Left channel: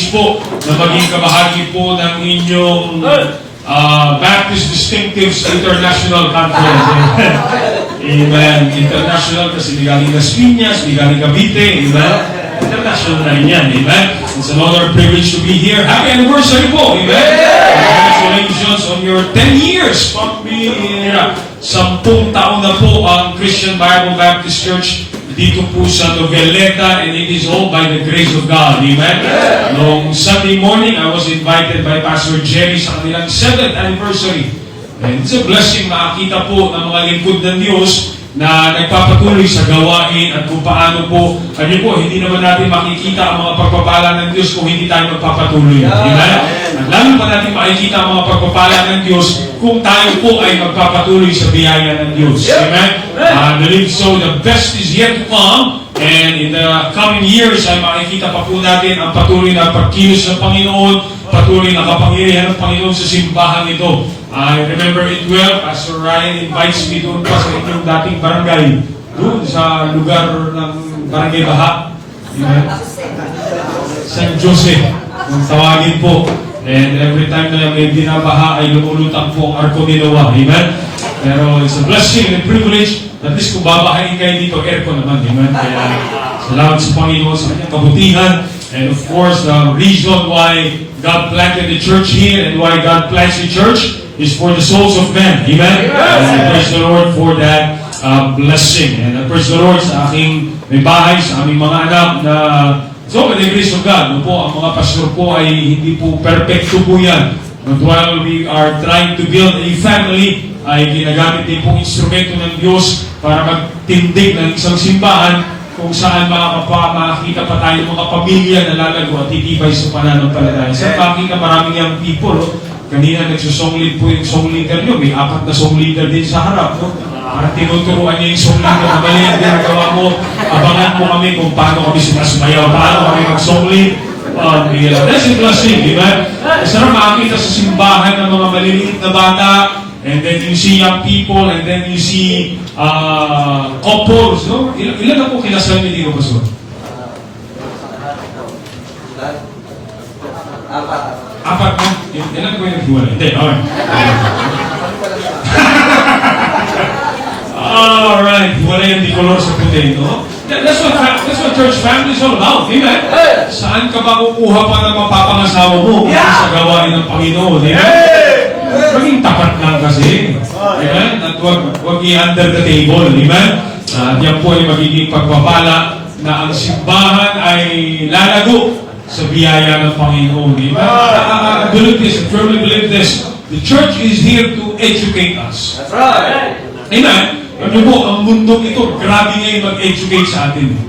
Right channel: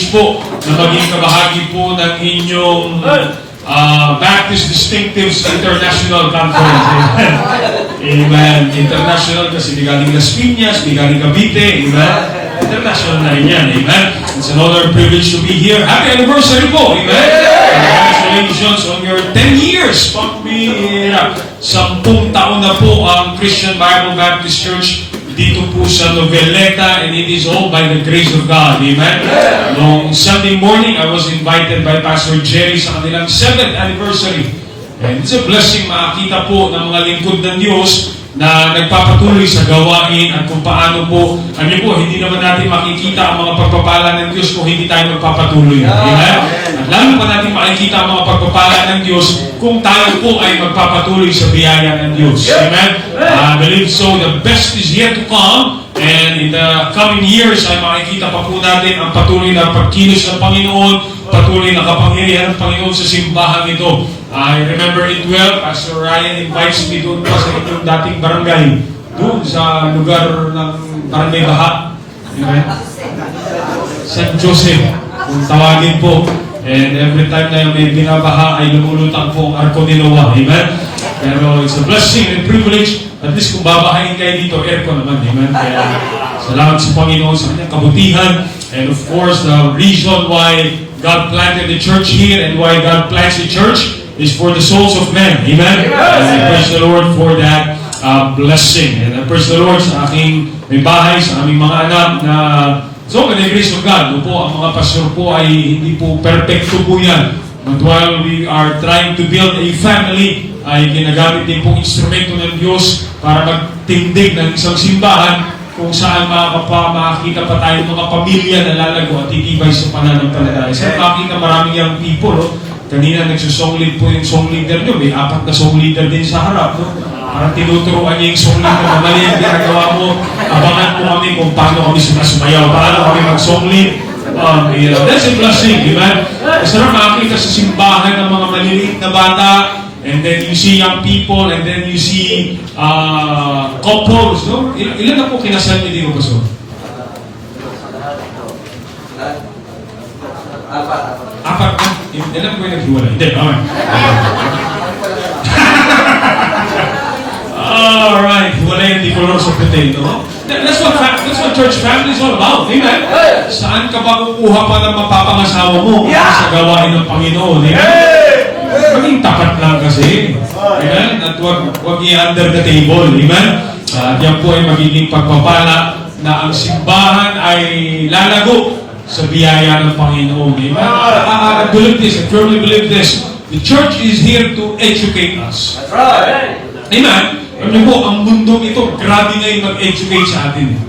privilege po na maging kabahagi po ng inyong Baptist Distinctives International Conference. Amen. International kasi di galing Las Piñas, di galing Cavite. Amen. International na rin yan. Amen. It's another privilege to be here. Happy anniversary po. Amen. Congratulations on your 10 years. Pagpira. 10 taon na po ang Christian Bible Baptist Church dito po sa Noveleta, and it is all by the grace of God. Amen? Noong Sunday morning, I was invited by Pastor Jerry sa kanilang 7th anniversary. And it's a blessing makakita po ng mga lingkod ng Diyos na nagpapatuloy sa gawain at kung paano po, hindi naman natin makikita ang mga pagpapala ng Diyos kung hindi tayo magpapatuloy. Amen? At lalo pa natin makikita ang mga pagpapala ng Diyos kung tayo po ay magpapatuloy sa biyaya ng Diyos. Amen? I believe so. The best is yet to come. And in the coming years ay makikita pa po natin ang patuloy na pagkilos ng Panginoon, patuloy na kapangyarihan ng Panginoon sa simbahan ito. I remember it well. Pastor Ryan invites me doon pa sa inyong dating barangay. Doon sa lugar ng Barangay Baha. Amen? San Jose. Kung tawagin po. And every time na may binabaha ay lumulutang po ang Arco de Loa. Amen? Pero it's a blessing and privilege. At least kung babahain kayo dito, aircon naman. Amen? Kaya salamat sa Panginoon sa kanyang kabutihan. And of course, the reason why God planted the church here and why God plants the church is for the souls of men. Amen? And I praise the Lord for that blessing. And I praise the Lord sa aking may bahay, sa aming mga anak na so, by the grace of God, ang mga pastor po ay hindi po perfecto po yan. But while we are trying to build a family, ay ginagamit din pong instrumento ng Diyos para magtindig ng isang simbahan kung saan makakita pa tayo mga pamilya na lalago at titibay sa pananampalataya. Sa makita maraming young people, kanina nagsusong lead po yung song leader nyo, may 4 na song leader din sa harap. Parang tinuturuan niya yung song leader, madali ang ginagawa mo, abangan po kami kung paano kami sumasayaw, paano kami mag-song lead. That's a blessing, di ba? Masarap makakita sa simbahan ng mga maliliit na bata, and then you see young people, and then you see couples, no? Ilan na po kinasal niyo dito, Pastor? 4 na? Ilan po yung naghiwala? Hindi, okay. Alright, wala yung dikolor sa potato. That's what church family is all about. Amen? Saan ka ba kukuha pa ng mapapangasawa mo sa gawain ng Panginoon? Amen? Maging tapat lang kasi. Amen? At huwag i-under the table. Amen? At yan po ay magiging pagpapala na ang simbahan ay lalago sa biyaya ng Panginoon. Amen? I believe this. I truly believe this. The church is here to educate us. That's right. Amen? Ano po, ang mundong ito, grabe na yung mag-educate sa atin.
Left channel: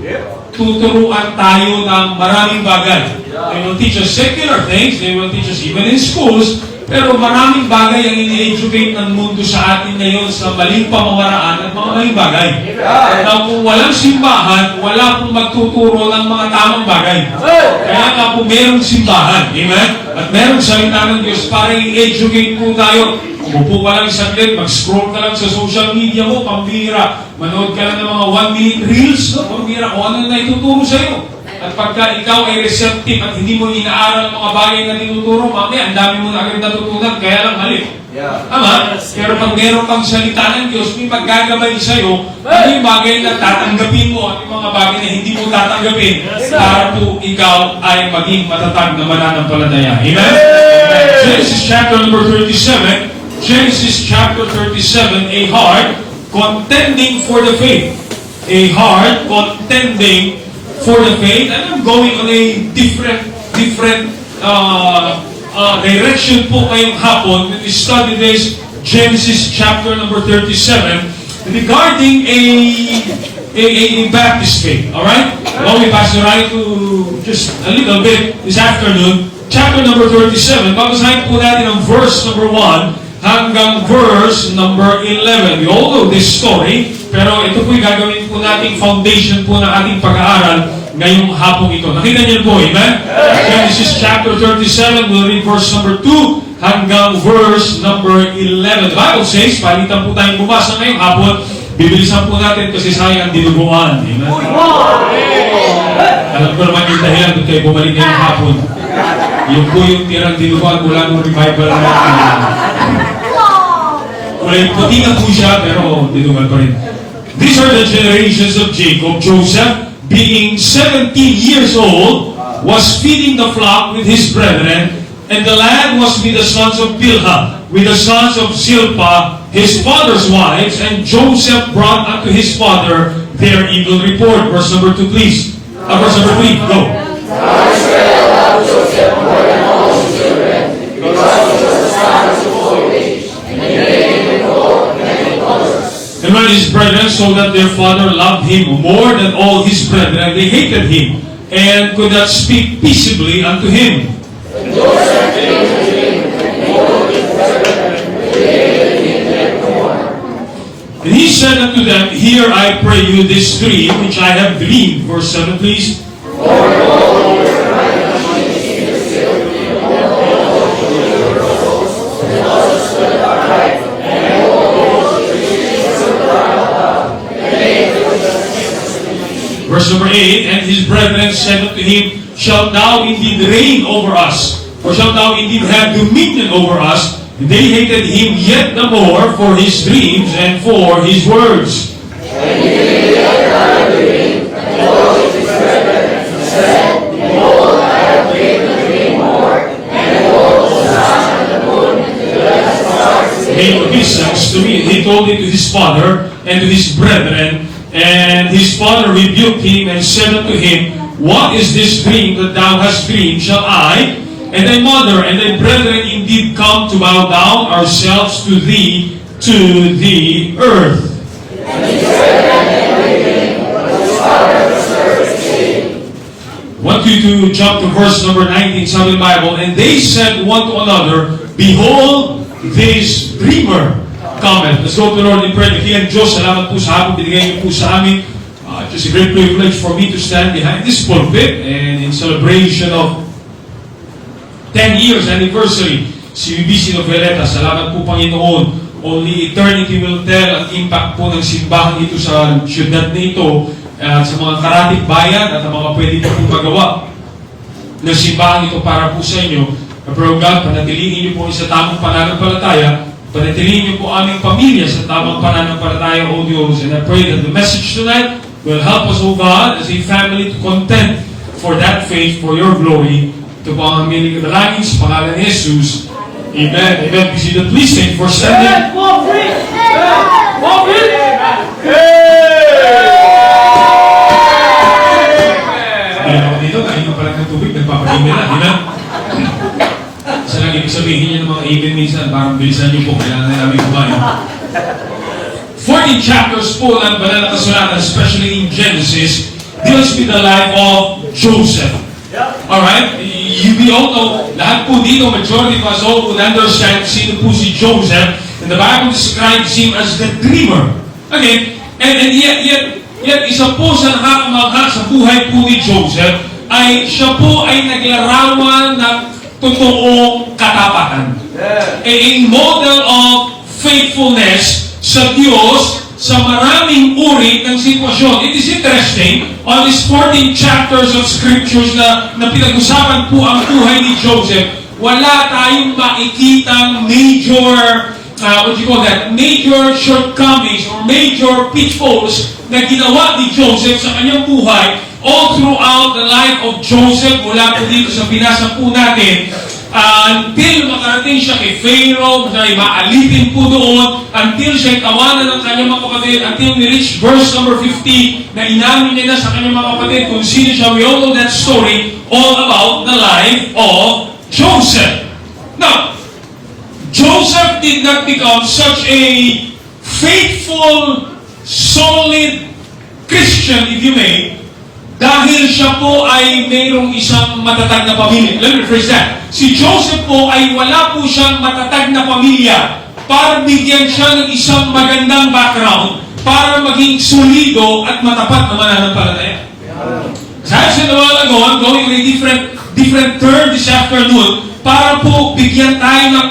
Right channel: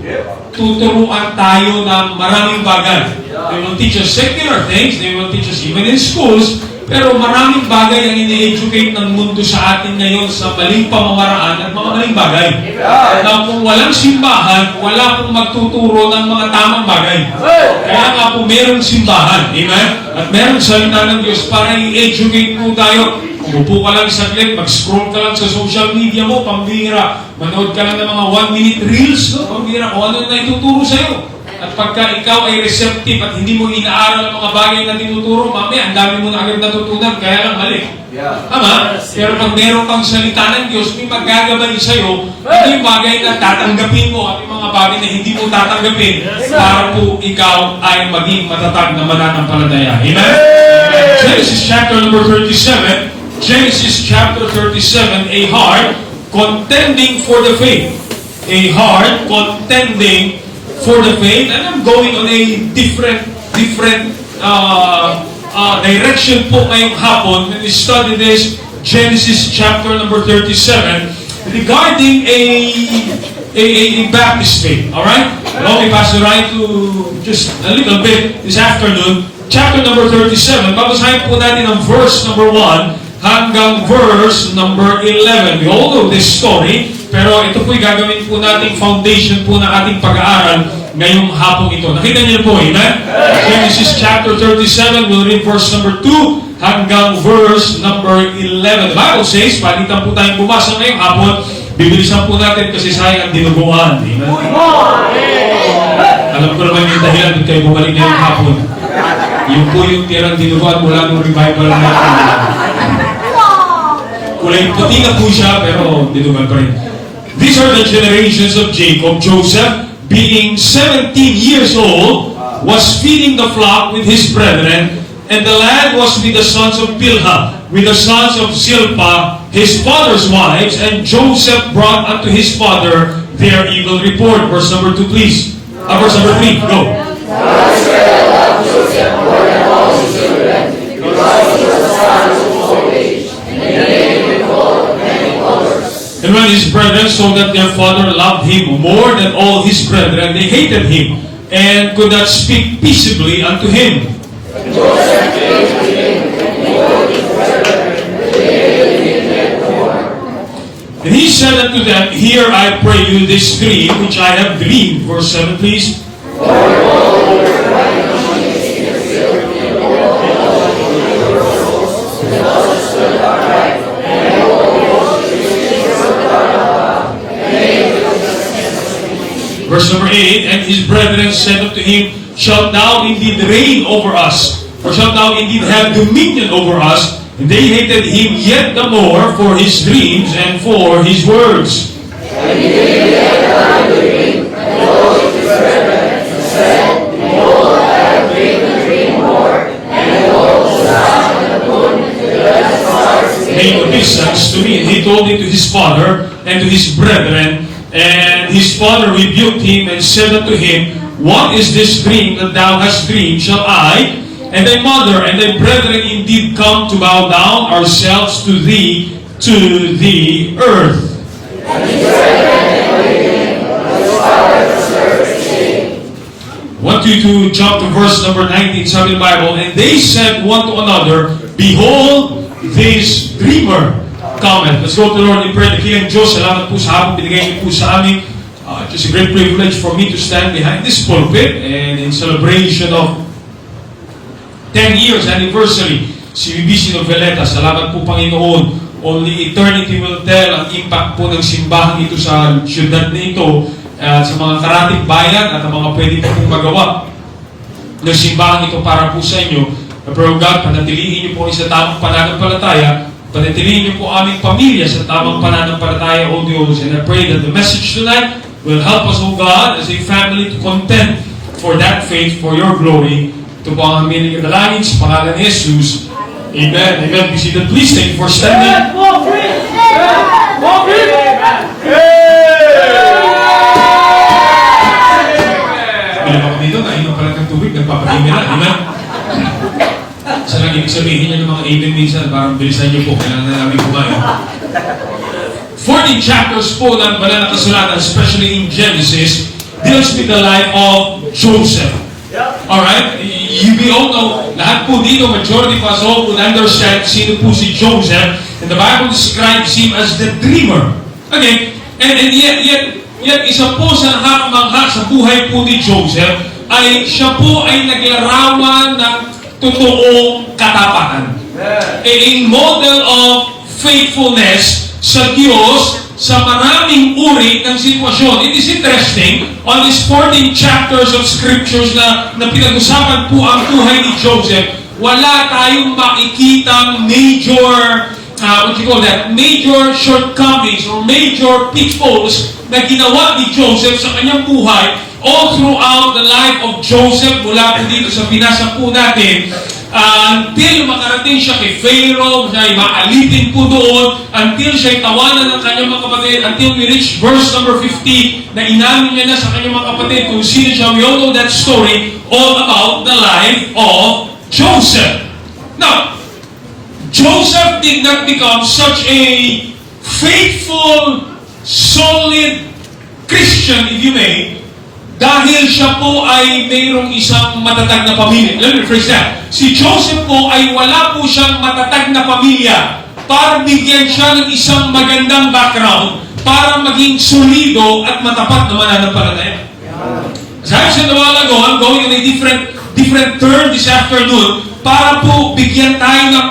Tuturuan tayo ng maraming bagay. They will teach us secular things, they will teach us even in schools, pero maraming bagay ang ini-educate ng mundo sa atin ngayon sa maling pamamaraan at mga maling bagay. At kung walang simbahan, wala pong magtuturo ng mga tamang bagay. Kaya nga po merong simbahan, amen? At merong salita ng Diyos para i-educate po tayo. Upo ka lang saglit, mag-scroll ka lang sa social media mo, pambira. Manood ka lang ng mga 1-minute reels, no? Pambira, kung ano na ituturo sa'yo. At pagka ikaw ay receptive at hindi mo inaaral ang mga bagay na tinuturo, mamaya, ang dami mo na agad natutunan, kaya lang mali. Tama? Pero pag meron kang salita ng Diyos, may maggagabay sa'yo, ano yung bagay na tatanggapin mo at yung mga bagay na hindi mo tatanggapin para po ikaw ay maging matatag na mananampalataya. Amen? Genesis chapter number 37, Genesis chapter 37, a heart contending for the faith. A heart contending for the faith. And I'm going on a different direction po ngayong hapon when we study this Genesis chapter number 37 regarding a Baptist faith. Alright? Allow me, Pastor Ryan, to just a little bit this afternoon. Chapter number 37. Babasahin po natin ang verse number 1 hanggang verse number 11. We all know this story, pero ito po'y gagawin po nating foundation po ng ating pag-aaral ngayong hapong ito. Nakita niyo po, amen? Genesis chapter 37, we'll read verse number 2 hanggang verse number 11. The Bible says, palitan po tayong bumasa ngayong hapon, bibilisan po natin kasi sayang ang dinuguan. Amen? Alam ko naman yung dahilan kung kayo bumalik ngayong hapon. Yun po yung tirang dinuguan mula ng revival natin. Kulay puti na po siya, pero dinuguan pa rin. These are the generations of Jacob. Joseph, being 17 years old, was feeding the flock with his brethren, and the lad was with the sons of Bilhah, with the sons of Zilpah, his father's wives, and Joseph brought unto his father their evil report. Verse number 2, please. Verse number 3, go. And when his brethren saw that their father loved him more than all his brethren, they hated him, and could not speak peaceably unto him. And he said unto them, Hear, I pray you, this dream which I have dreamed. Verse 7, please. Verse number 8, and his brethren said unto him, Shalt thou indeed reign over us? Or shalt thou indeed have dominion over us? And they hated him yet the more for his dreams and for his words. He listens to me, and he told it to his father and to his brethren. And his father rebuked him and said unto him, What is this dream that thou hast dreamed? Shall I and thy mother and thy brethren indeed come to bow down ourselves to the earth? I want you to jump to verse number 19 sa the Bible. And they said one to another, Behold, this dreamer cometh. Let's go to the Lord in prayer. Dakilang Diyos, salamat po sa hapon binigay niyo po sa amin. It's a great privilege for me to stand behind this pulpit and in celebration of 10 years anniversary si BBC Noveleta. Salamat po, Panginoon. Only eternity will tell ang impact po ng simbahan ito sa syudad na ito at sa mga karating bayan at ang mga pwede po pong magawa ng simbahan ito para po sa inyo. Pero God, panatilihin niyo po sa tamang pananampalataya. Panatilihin niyo po aming pamilya sa tamang pananampalataya, O Diyos. And I pray that the message tonight will help us, O God, as a family to contend for that faith, for your glory. Ito po ang aming dalangin sa pangalan ni Jesus. Amen. Amen. Be seated. Please thank you for standing. Alam mo dito, nainom pala ng tubig, nagpapagin nila, di ba? Sa lang ibig sabihin niya ng mga amen minsan, parang bilisan niyo po, kailangan na namin kumain. 14 chapters po ng banal na kasulatan, especially in Genesis, deals with the life of Joseph. Alright? We all know, lahat po dito, majority of us all would understand sino po si Joseph, and the Bible describes him as the dreamer. Okay? And yet isa po sa nakakamangha sa buhay po ni Joseph, ay siya po ay naglarawan ng totoong katapatan. A model of faithfulness sa Diyos sa maraming uri ng sitwasyon. It is interesting, on these 14 chapters of scriptures na pinag-usapan po ang buhay ni Joseph, wala tayong makikitang major, major shortcomings or major pitfalls na ginawa ni Joseph sa kanyang buhay all throughout the life of Joseph, mula po dito sa binasa po natin, until makarating siya kay Pharaoh, na maalitin po doon, until siya tawanan ng kanyang mga kapatid, until we reach verse number 15, na inamin niya na sa kanyang mga kapatid kung sino siya. We all know that story, all about the life of Joseph. Now, Joseph did not become such a faithful, solid Christian, if you may, dahil siya po ay mayroong isang matatag na pamilya. Let me phrase that. Si Joseph po ay wala po siyang matatag na pamilya para bigyan siya ng isang magandang background para maging solido at matapat na mananampalataya. As I said a while ago, I'm going in a different turn this afternoon para po bigyan tayo ng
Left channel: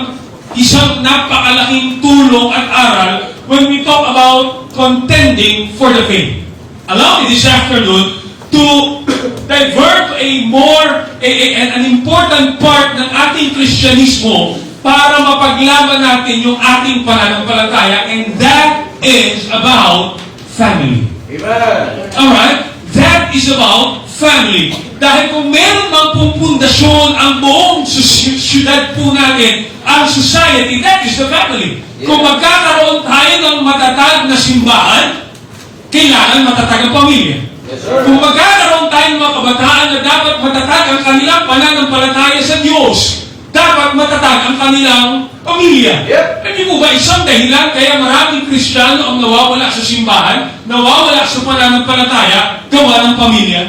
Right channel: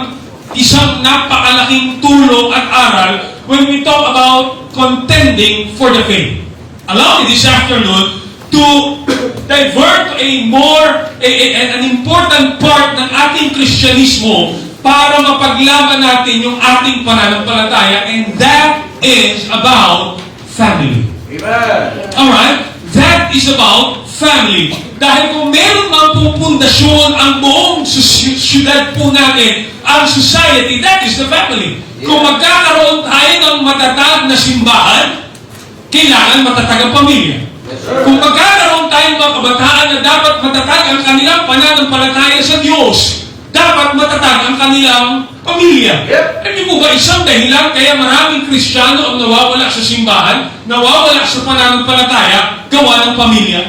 isang napakalaking tulong at aral when we talk about contending for the faith. Allow me this afternoon to divert to a more an important part ng ating Kristyanismo para mapaglaban natin yung ating pananampalataya, and that is about family. Amen. Alright? That is about family. Dahil kung meron mang pupundasyon ang buong syudad po natin, ang society, that is the family. Kung magkakaroon tayo ng matatag na simbahan, kailangan matatag ang pamilya. Kung magkakaroon tayong mga kabataan na dapat matatag ang kanilang pananampalataya sa Diyos, dapat matatag ang kanilang pamilya. Hindi mo ba isang dahilan kaya maraming Kristiyano ang nawawala sa simbahan, nawawala sa pananampalataya, gawa ng pamilya?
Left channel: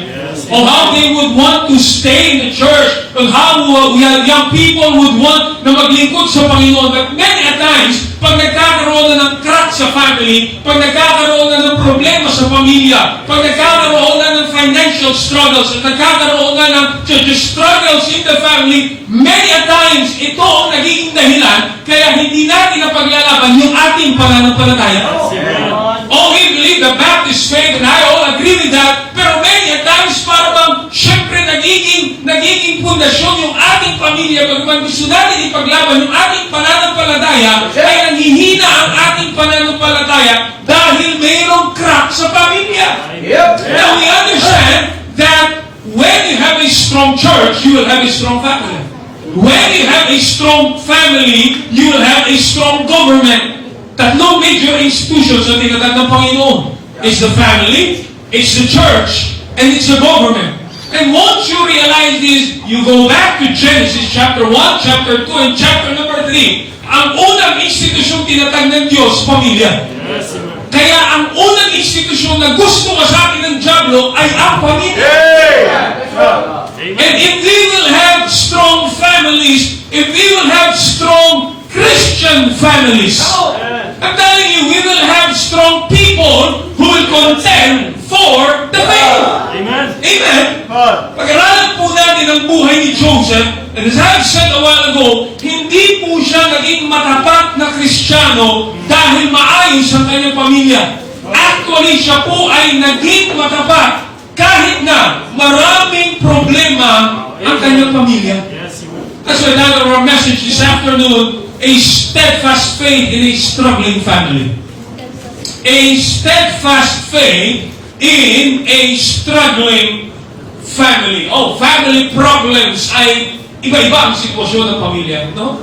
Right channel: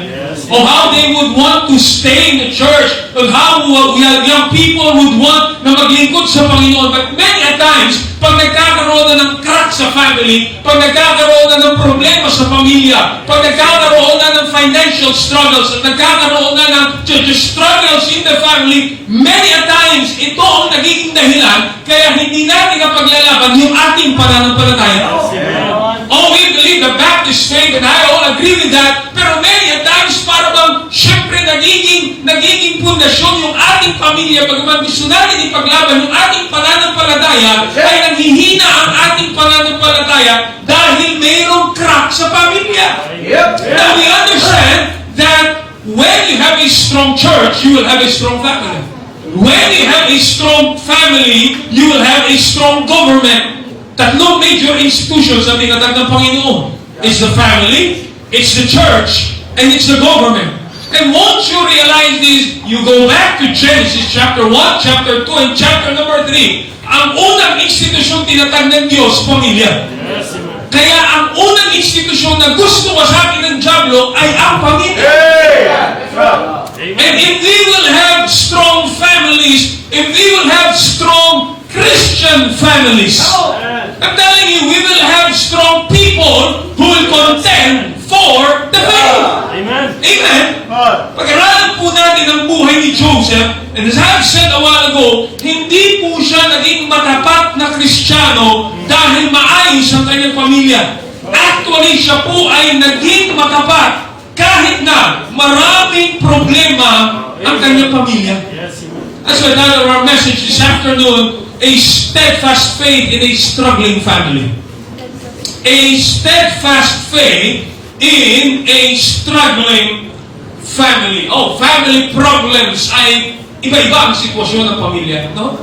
Or how they would want to stay in the church, or how young people would want na maglingkod sa Panginoon. But many a times, pag nagkakaroon na ng crack sa family, pag nagkakaroon na ng problema sa pamilya, pag nagkakaroon na ng financial struggles, at nagkakaroon na ng struggles in the family, many a times, ito ang nagiging dahilan kaya hindi natin napaglalaban yung ating pananampalataya. Oh, we believe the Baptist faith, and I all agree with that, pero many a times, para bang, syempre, nagiging pundasyon yung ating pamilya, pagkaman gusto natin ipaglaban yung ating pananampalataya, ay nanghihina ang ating pananampalataya dahil mayroong crack sa pamilya. Now, we understand that when you have a strong church, you will have a strong family. When you have a strong family, you will have a strong government. Tatlong major institutions ang tinatag ng Panginoon. It's the family, it's the church, and it's the government. And once you realize this, you go back to Genesis chapter 1, chapter 2, and chapter number 3. Ang unang institusyon tinatag ng Diyos, pamilya. Kaya ang unang institusyon na gusto masakin ng Diablo ay ang pamilya. And if we will have strong families, if we will have strong Christian families, I'm telling you, we will have strong people who will contend for the faith. Amen. Amen. Pag-aralan po natin ang buhay ni Joseph, and as I've said a while ago, hindi po siya naging matapat na Kristiyano dahil maayos ang kanyang pamilya. Actually, siya po ay naging matapat kahit na maraming problema ang kanyang pamilya. That's why our message this afternoon, a steadfast faith in a struggling family. A steadfast faith in a struggling family. Oh, family problems ay iba-iba ang sitwasyon ng pamilya, no?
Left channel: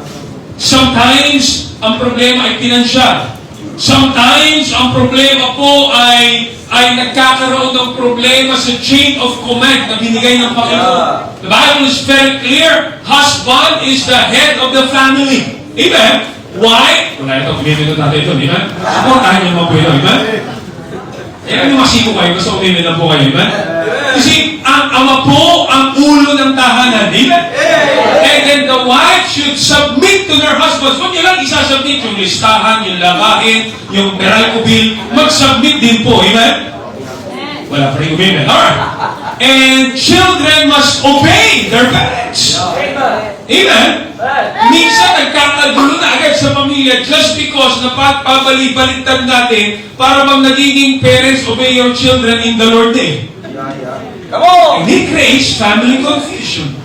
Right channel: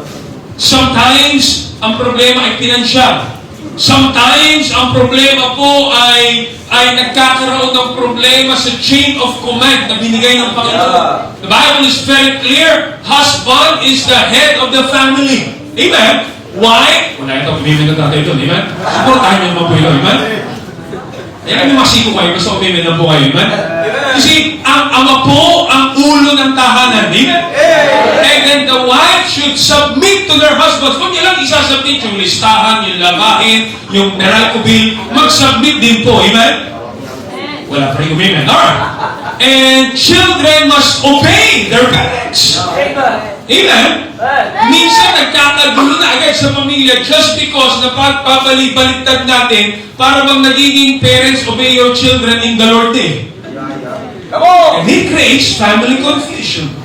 Sometimes, ang problema ay pinansyal. Sometimes, ang problema po ay nagkakaroon ng problema sa chain of command na binigay ng Panginoon. The Bible is very clear. Husband is the head of the family. Amen? Why? Wala ito, umimin na natin ito. Amen? Supportahan niyo naman po ito. Amen? Yan ang masiko kayo, basta umimin na po kayo. Amen? Kasi, ang ama po, ang ulo ng tahanan. Amen? And then the wife should submit to their husbands. Huwag niyo lang isasubmit yung listahan, yung labahin, yung Meralco bill. Mag-submit din po. Amen? Wala pa rin umimin. Alright. And children must obey their parents. Amen? Minsan nagkakagulo na agad sa pamilya just because napapabalik-baliktad natin para bang nagiging parents obey your children in the Lord eh. And it creates family confusion.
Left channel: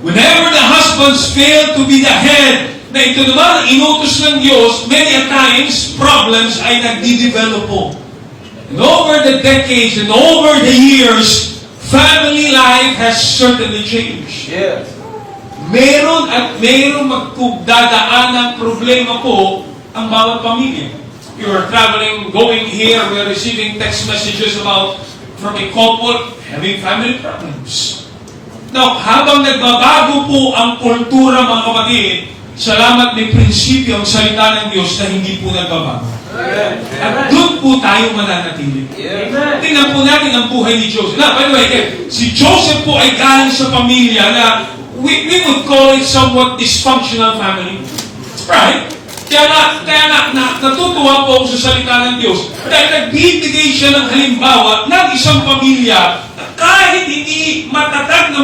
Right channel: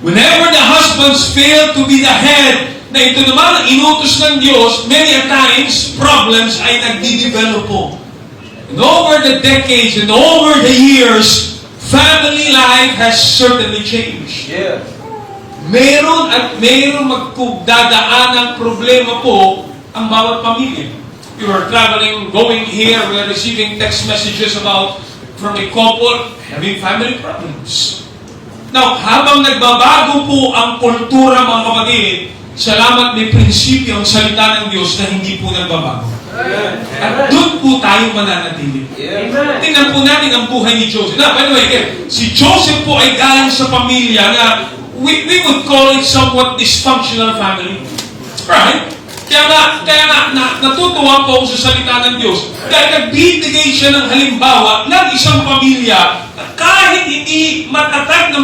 Whenever the husbands fail to be the head, na ito naman ang inutos ng Diyos, many a times, problems ay nagdi-develop po. And over the decades and over the years, family life has certainly changed. Meron at meron magdadaan ng problema po ang bawat pamilya. We were traveling, going here, we were receiving text messages from a couple having family problems. Now, habang nagbabago po ang kultura, mga kapatid, salamat may prinsipyo ang salita ng Diyos na hindi po nagbabago. At doon po tayo mananatili. Tingnan po natin ang buhay ni Joseph. Now, by the way, si Joseph po ay galing sa pamilya na we would call it somewhat dysfunctional family. Right? Kaya natutuwa po ako sa salita ng Diyos dahil nagbibigay siya ng halimbawa ng isang pamilya na kahit hindi matatag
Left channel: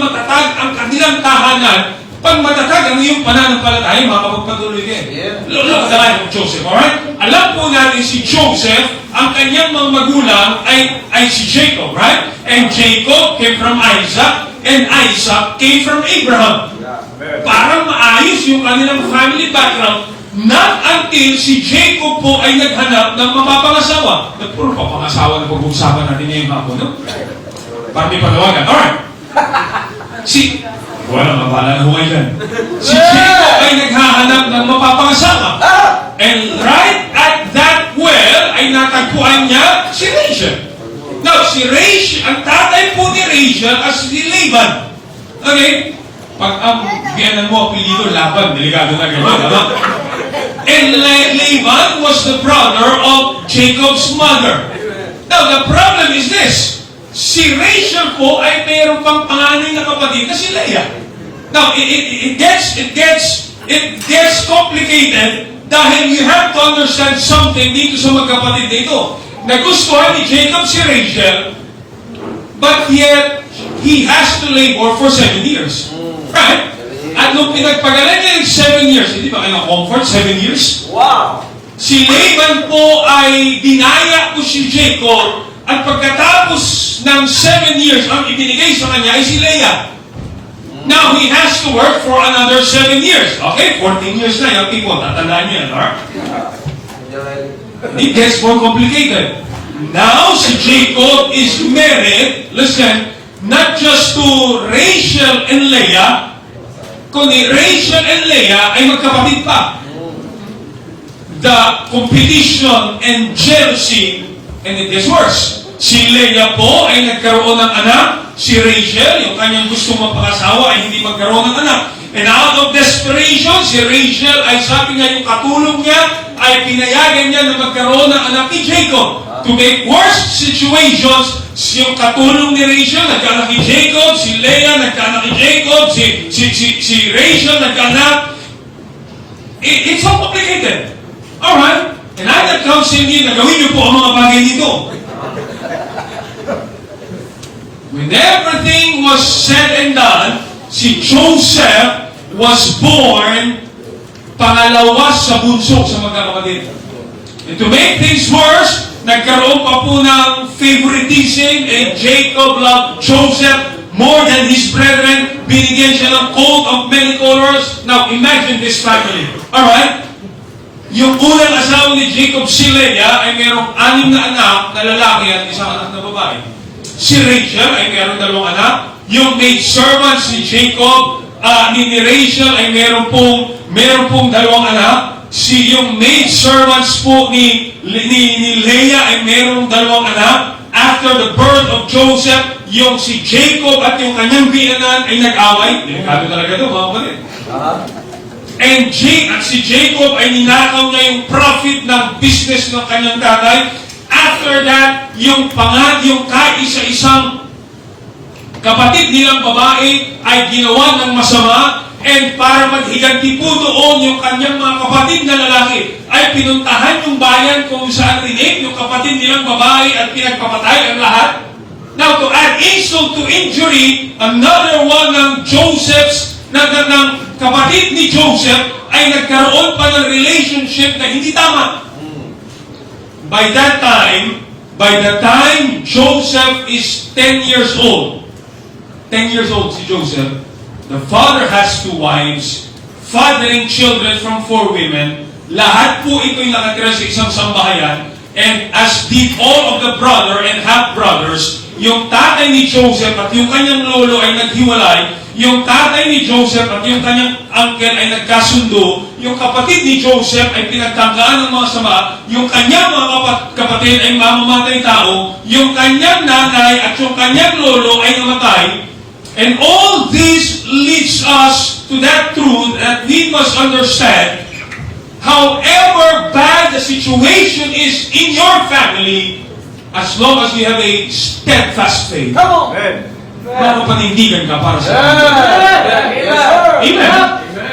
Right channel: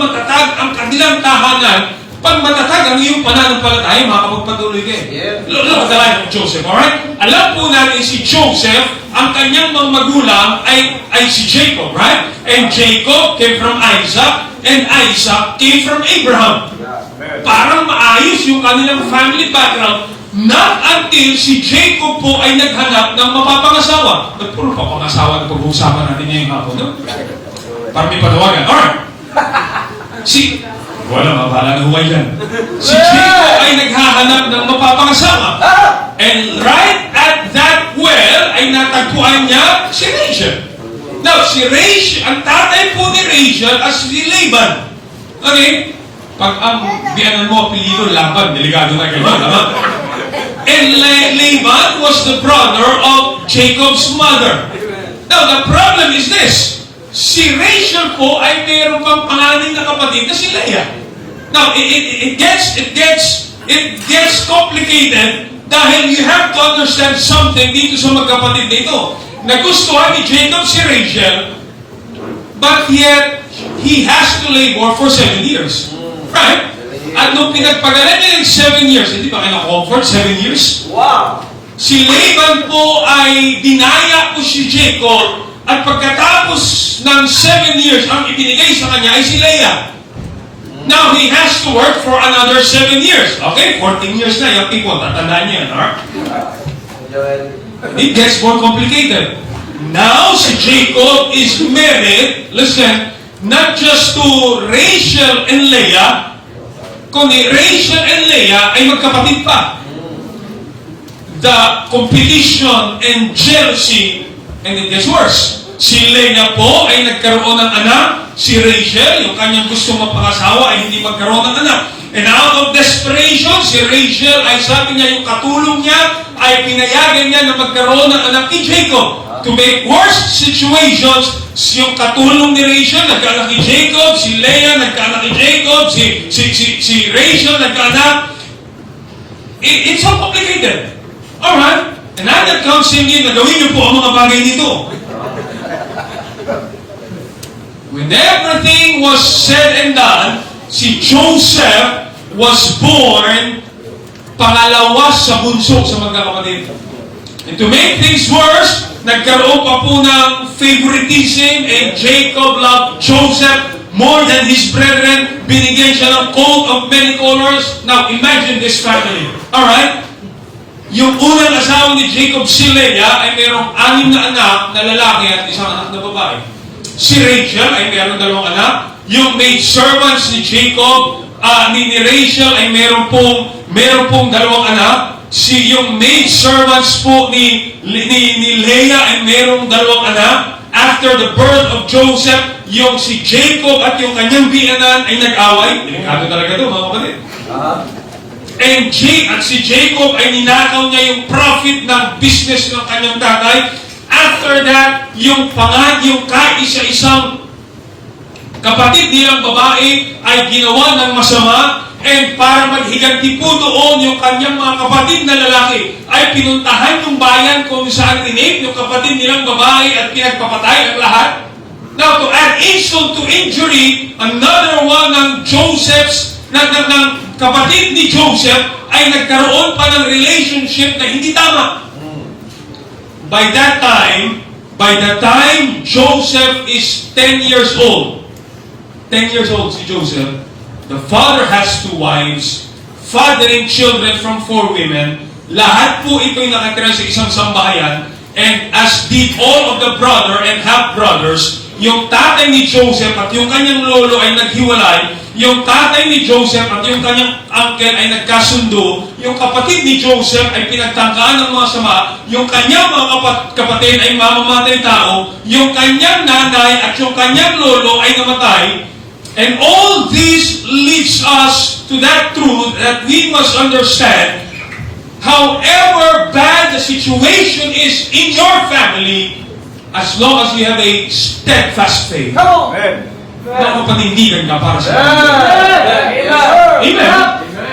ang kanilang tahanan, pag matatag ang iyong pananampalataya, makapagpatuloy kayo. Look at the life of Joseph, alright? Alam po natin si Joseph, ang kanyang mga magulang ay si Jacob, right? And Jacob came from Isaac, and Isaac came from Abraham. Parang maayos yung kanilang family background, not until si Jacob po ay naghanap ng mapapangasawa. Puro papangasawa na pag-uusapan natin ngayong hapon, no? Parang may panawagan. Alright. Wala mabala na huwag yan. Si Jacob ay naghahanap ng mapapangasawa. And right at that well, ay natagpuan niya si Rachel. Now, si Rachel, ang tatay po ni Rachel as si Laban. Okay? Pag ang biyanan mo, apelido, Laban, delikado na ganyan. Ano? And Laban was the brother of Jacob's mother. Now, the problem is this. Si Rachel po ay mayroon pang panganing na kapatid na si Leah. Now, it gets complicated dahil you have to understand something dito sa magkapatid na ito. Nagustuhan ni Jacob si Rachel, but yet, he has to labor for 7 years. Right? At nung pinagpagalan niya yung 7 years, hindi ba kayo na-comfort 7 years? Wow! Si Laban po ay dinaya po si Jacob, at pagkatapos ng 7 years, ang ibinigay sa kanya ay si Leah. Now, he has to work for another 7 years. Okay, 14 years na yung tipo, tatandaan niya, no? It gets more complicated. Now, si Jacob is married, listen, not just to Rachel and Leah, kundi Rachel and Leah ay magkapatid pa. The competition and jealousy, and it gets worse. Si Leah po ay nagkaroon ng anak, si Rachel, yung kanyang gustong mapangasawa, ay hindi magkaroon ng anak. And out of desperation, si Rachel ay sabi niya, yung katulong niya, ay pinayagan niya na magkaroon ng anak ni Jacob. To make worse situations, yung katulong ni Rachel, nagkaanak ni Jacob, si Leah, nagkaanak ni Jacob, si Rachel, nagkaanak. It's so complicated. Alright? And I'm not counseling na gawin niyo po ang mga bagay nito. When everything was said and done, si Joseph was born pangalawa sa bunso sa magkakapatid. And to make things worse, nagkaroon pa po ng favoritism, and Jacob loved Joseph more than his brethren. Binigyan siya ng coat of many colors. Now, imagine this family. Alright? Yung unang asawa ni Jacob, si Leah, ay mayroong 6 na anak na lalaki at 1 anak na babae. Si Rachel ay mayroong 2 anak. Yung maid servants ni Jacob, ni Rachel ay mayroong pong 2 anak. Yung maid servants po ni Leah ay mayroong 2 anak. After the birth of Joseph, yung si Jacob at yung kanyang biyanan ay nag-away. Delikado talaga ito, mga kapatid. And si Jacob ay ninakaw niya yung profit ng business ng kanyang tatay. After that, yung kaisa-isang kapatid nilang babae ay ginawa ng masama, and para maghiganti po doon yung kanyang mga kapatid na lalaki ay pinuntahan yung bayan kung saan rinip yung kapatid nilang babae at pinagpapatay ang lahat. Now, to add insult to injury, another one ng Joseph's, ng kapatid ni Joseph ay nagkaroon pa ng relationship na hindi tama. By the time Joseph is 10 years old, 10 years old si Joseph, the father has 2 wives, fathering children from 4 women. Lahat po ito'y nakatira sa isang sambahayan, and as did all of the brother and half-brothers. Yung tatay ni Joseph at yung kanyang lolo ay naghiwalay. Yung tatay ni Joseph at yung kanyang uncle ay nagkasundo. Yung kapatid ni Joseph ay pinagtangkaan ng mga sama. Yung kanyang mga kapatid ay mamamatay tao. Yung kanyang nanay at yung kanyang lolo ay namatay. And all this leads us to that truth that we must understand. However bad the situation is in your family, as long as you have a steadfast faith. Come on! Panindigan ka para sa Amen.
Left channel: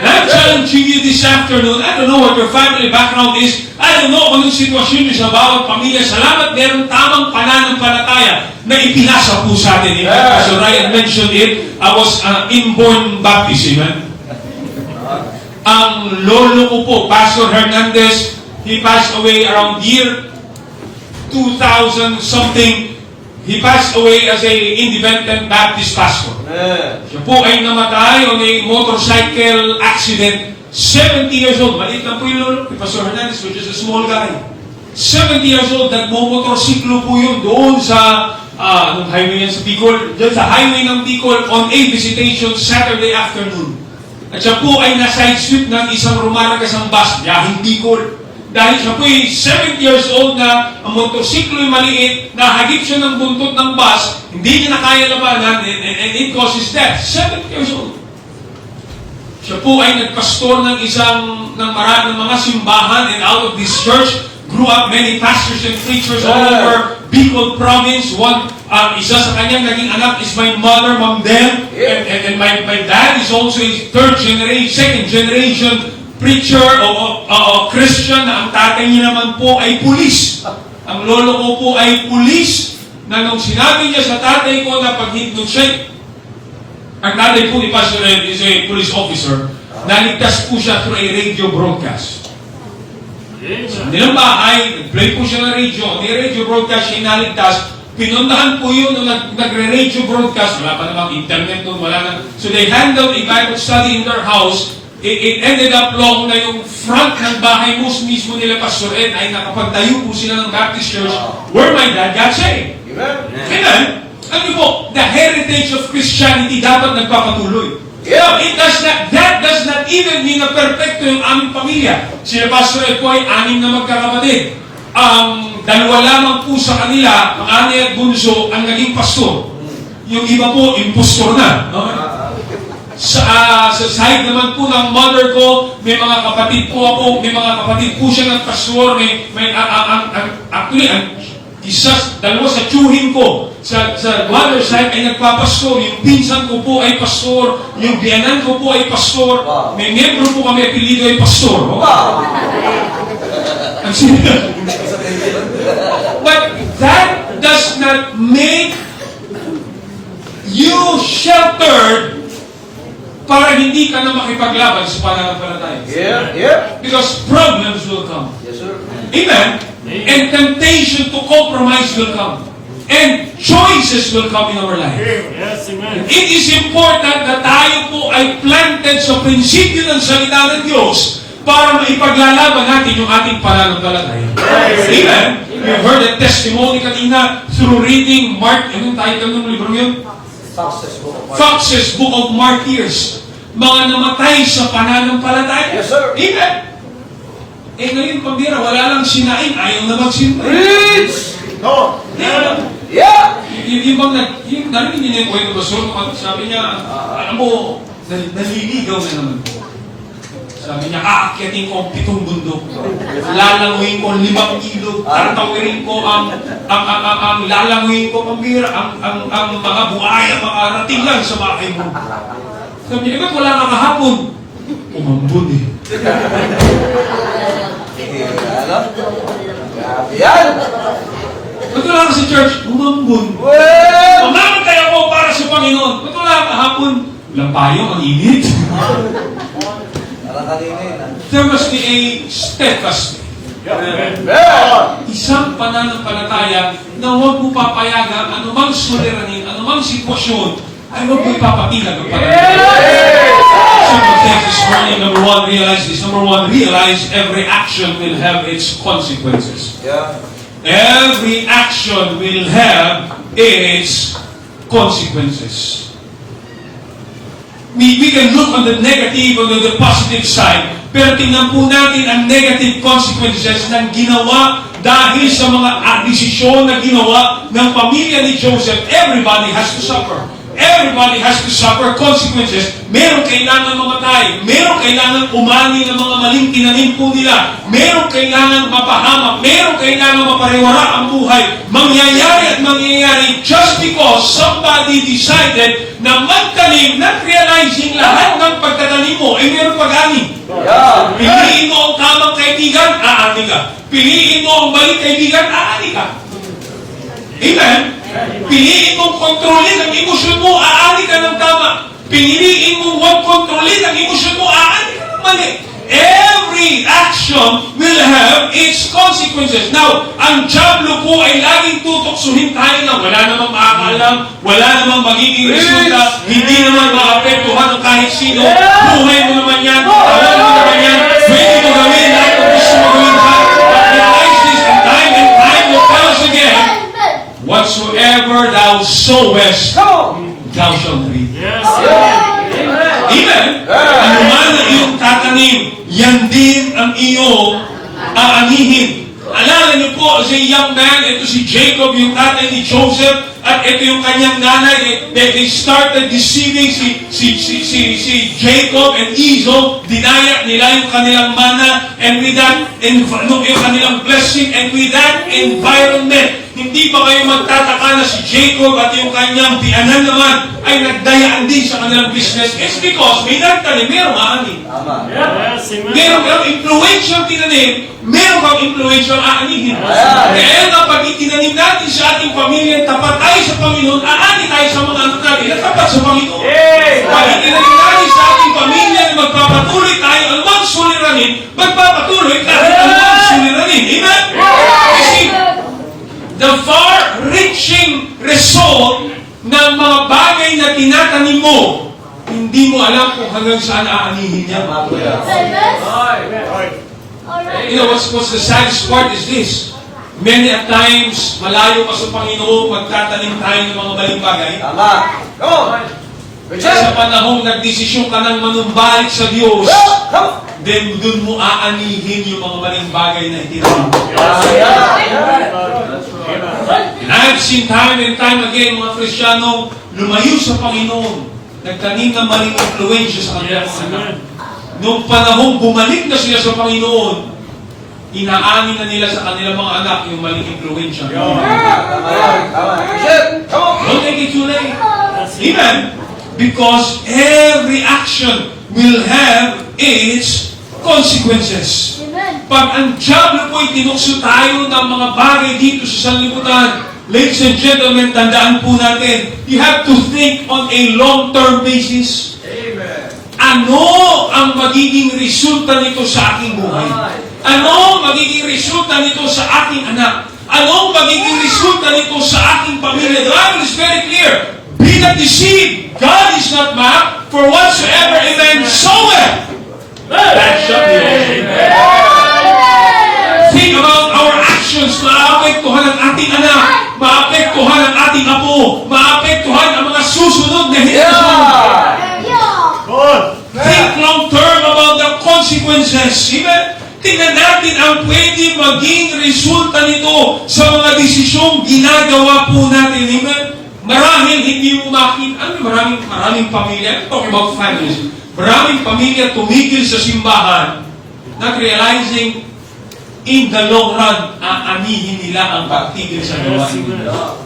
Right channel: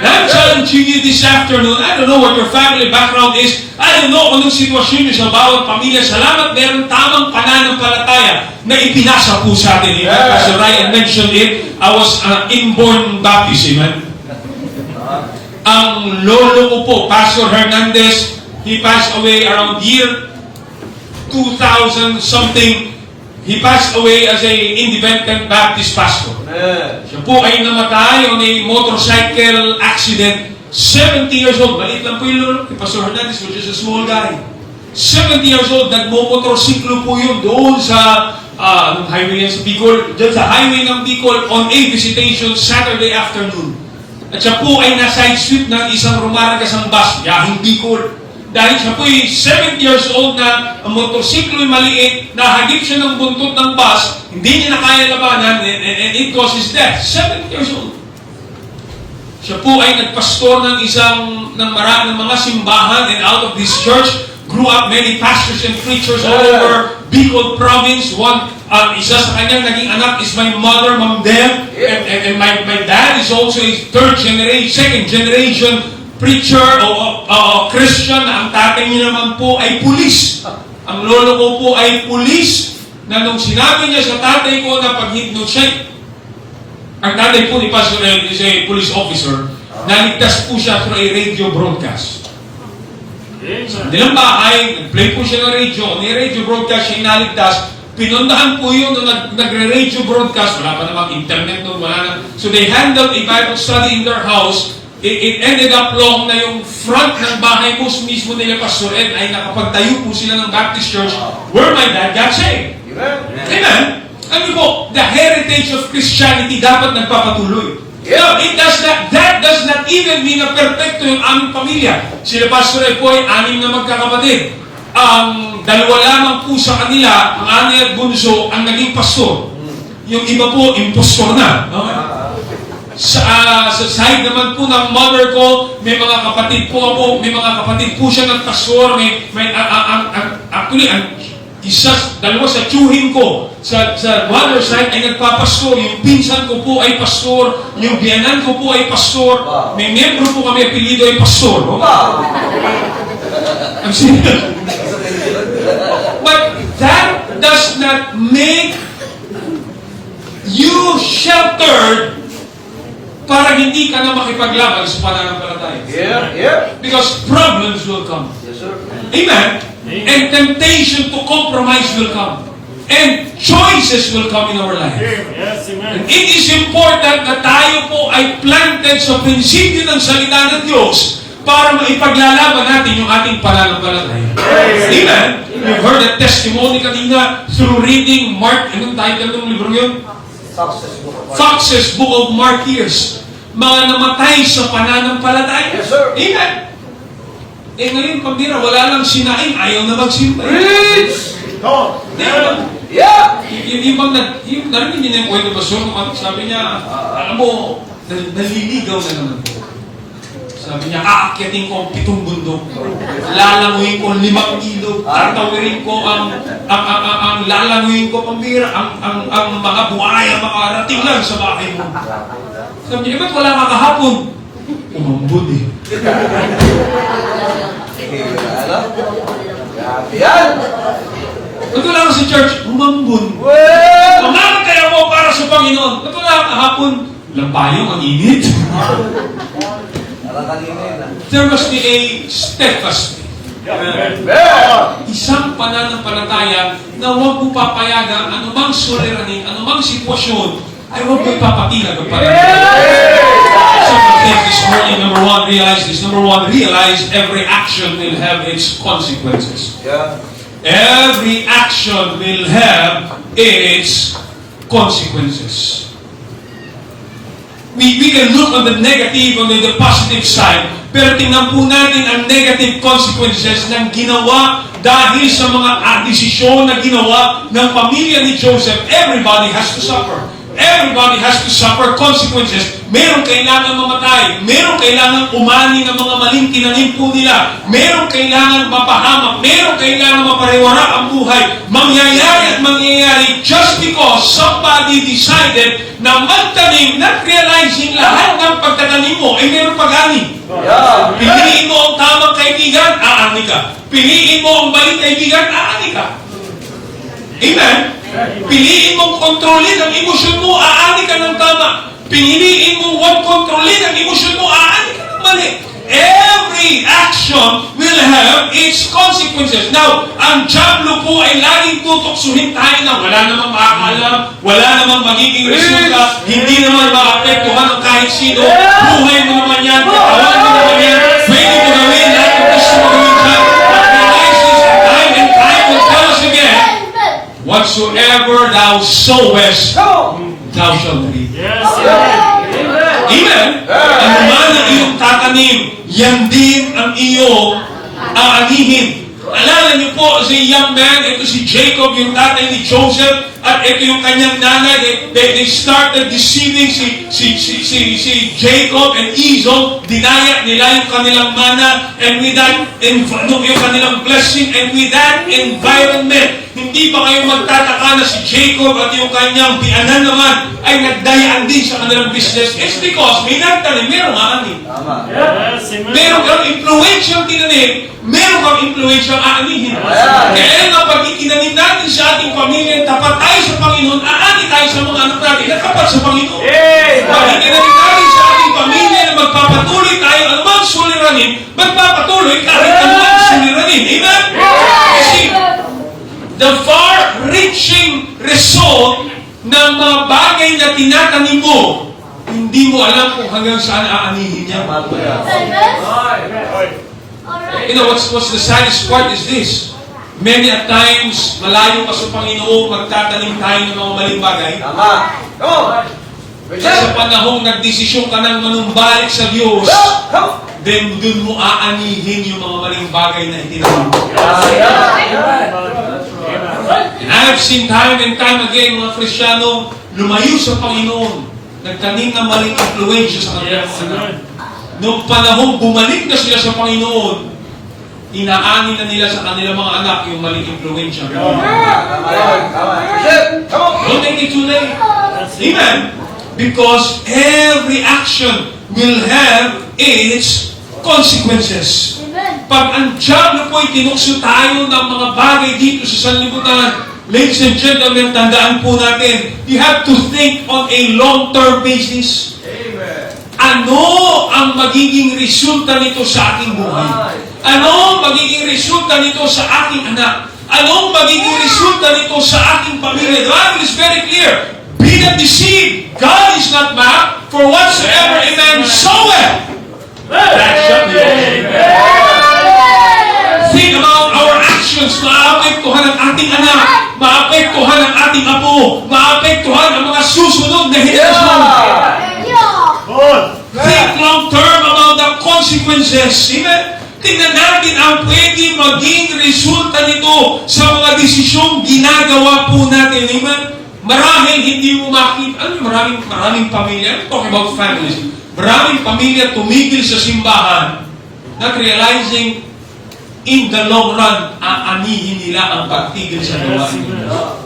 I'm challenging you this afternoon. I don't know what your family background is. I don't know kung anong sitwasyon niyo sa bawat pamilya. Salamat, meron tamang pananampalataya na ipinasa po sa atin. As Ryan mentioned it, I was inborn Baptist. Amen. Ang lolo ko po, Pastor Hernandez, he passed away around year 2000 something. He passed away as a independent Baptist pastor. Siya po ay namatay on a motorcycle accident. 70 years old. Maliit lang po yun. Pastor Hernandez was just a small guy. 70 years old. Nagmomotorsiklo po yun doon sa anong highway yan sa Bicol. Diyan sa highway ng Bicol on a visitation Saturday afternoon. At siya po ay na-side sweep ng isang rumaragasang bus. Yahing Bicol. Dahil siya po ay 70 years old na ang motorsiklo ay maliit, nahagip siya ng buntot ng bus, hindi niya na kaya labanan, and it causes death. 70 years old. Siya po ay nagpastor ng ng mga simbahan, and out of this church grew up many pastors and preachers all over Bicol province. Isa sa kanyang naging anak is my mother, Ma'am Deb, and my dad is also a second generation preacher o Christian na ang tatay niya naman po ay pulis. Ang lolo ko po ay pulis na nung sinabi niya sa tatay ko na pag-hypnotize, ang tatay po ni Pastor Ed is a police officer, naligtas po siya through a radio broadcast. Nilang bahay, nag-play po siya ng radio, may radio broadcast siya naligtas, pinuntahan po yun nung nagre-radio broadcast, wala pa namang internet doon, wala na. So they handled a Bible study in their house. It ended up long na yung front ng bahay mismo nila Pastor Ed ay nakapagtayo po sila ng Baptist Church where my dad got saved. Amen? Ano po, the heritage of Christianity dapat nagpapatuloy. That does not even mean na perfecto yung aming pamilya. Sila Pastor Ed po ay 6 na magkakapatid. Ang 2 lamang po sa kanila, ang ani at bunso, ang naging pastor. Yung iba po, impostor na. Sa side naman po ng mother ko, may mga kapatid po ako, may mga kapatid po siya ng pastor, actually, dalawa sa tiyuhin ko, sa mother side ay nagpapastor, yung pinsan ko po ay pastor, yung biyanan ko po ay pastor, may membro po kami apelido ay pastor. But that does not make you sheltered para hindi ka na makipaglaban sa pananampalataya. Because problems will come. Yes, sir. Amen? And temptation to compromise will come. And choices will come in our life. Yes, amen. It is important na tayo po ay planted sa prinsipyo ng salita ng Diyos para maipaglalaban natin yung ating pananampalataya. Amen? You heard a testimony kanina through reading Mark, anong title ng libro yun? Fox's Book of Martyrs. Mga namatay sa pananampalataya. Yes, sir. Amen. Ngayon, pambira, wala lang sinaing, ayaw na magsinta. Preach! No. Diba? Yeah! Yung narinig niya yung kwento ba, sabi niya, alam mo, naliligaw na naman po. Sabi niya, aakyatin ko ang 7 bundok. Lalanguin ko ang 5 ilog. Tatawirin ko ang lalanguin ko pambira, ang mga buhaya, makarating lang sa bahay mo. Sabi niya, ba't wala ka kahapon? Umambun eh. Yan! Ba't wala ka sa church? Umambun. Well! Mamamatay ako para sa Panginoon. Ba't wala ka kahapon? Lampayong ang init. There must be a steadfast. Isang pananampalataya na huwag mo papayagan anumang suliranin, anumang sitwasyon, ay huwag mo ipapakilag ang pananampalataya. Some think this morning, number one, realize every action will have its consequences. Yeah. Every action will have its consequences. We can look on the negative, on the positive side, pero tingnan po natin ang negative consequences ng ginawa dahil sa mga desisyon na ginawa ng pamilya ni Joseph. Everybody has to suffer. Everybody has to suffer consequences. Merong kailangan mamatay. Merong kailangan umani ng mga maling tinanim po nila. Merong kailangan mapahamak. Merong kailangan mapariwara ang buhay. Mangyayari at mangyayari just because somebody decided na magtanim, not realizing lahat ng pagtatanim mo ay merong pag-ani. Yeah. Piliin mo ang tamang kaibigan, aani ka. Piliin mo ang maling kaibigan, aani ka. Amen? Piliin mong kontrolin ang emosyon mo, aani ka ng tama. Piliin mong huwag kontrolin ang emosyon mo, aani ka ng mali. every action will have its consequences. Now, ang Diablo po ay laging tutuksuhin tayo na wala namang makakaalam, wala namang magiging resulta, hindi naman maapektuhan ng kahit sino, buhay mo naman yan, alam mo naman yan, pwede mo gawin, lahat ng gusto mo gawin dyan. But realize this, and time will tell us again, whatsoever thou sowest, thou shalt reap. Amen? Ang man ang iyong tatanim, yan din ang iyong aanihin. Alala niyo po, si young man, ito si Jacob, yung tatay ni Joseph, at ito yung kanyang nanay, they started deceiving si Jacob and Esau, dinaya nila yung kanilang mana, and with that, yung kanilang blessing, and with that environment, hindi ba kayo magtataka na si Jacob at yung kanyang tiyanan naman ay nagdayaan din sa kanilang business? It's because may nagtanim, merong aanin. Meron kang influential tinanim, meron kang influential aanihin. Kaya nga pag itinanim natin sa ating pamilya, tapat tayo sa Panginoon, aani tayo sa mga anak natin na tapat sa Panginoon. Pag itinanim natin sa ating pamilya na magpapatuloy tayo, anumang suliranin, magpapatuloy kahit anumang suliranin. Amen? Kasi, the far-reaching result ng mga bagay na tinatanim mo, hindi mo alam kung hanggang saan aanihin niya. You know, what's the saddest part is this. Many a times, malayo ka sa Panginoon, magtatanim tayo ng mga maling bagay. Sa panahong nagdesisyon ka ng manumbalik sa Diyos, then dun mo aanihin yung mga maling bagay na itinanim. And I have seen time and time again, mga Kristiyano, lumayo sa Panginoon, nagtanim ng maling influensya sa kanilang anak. Noong panahong bumalik na sila sa Panginoon, inaani na nila sa kanilang mga anak yung maling influensya. Don't take it too late. Amen? Because every action will have its consequences. Pag ang Diablo po ay tinukso tayo ng mga bagay dito sa sanlibutan, ladies and gentlemen, tandaan po natin, you have to think on a long-term basis. Ano ang magiging resulta nito sa ating buhay? Ano ang magiging resulta nito sa ating anak? Ano ang magiging resulta nito sa ating pamilya? The Bible is very clear. Be not deceived. God is not mocked, for whatsoever a man soweth, that shall be also. Think about our actions. Maapektuhan ang ating anak. Maapektuhan ang ating apo. Maapektuhan ang mga susunod na henerasyon. Think long term about the consequences. Amen? Tingnan natin ang pwede maging resulta nito sa mga desisyong ginagawa po natin. Amen? Marahil hindi mo makita. Ano yung maraming pamilya? Talking about families. Maraming pamilya tumigil sa simbahan, not realizing in the long run, aanihin nila ang pagtigil sa gawain nila.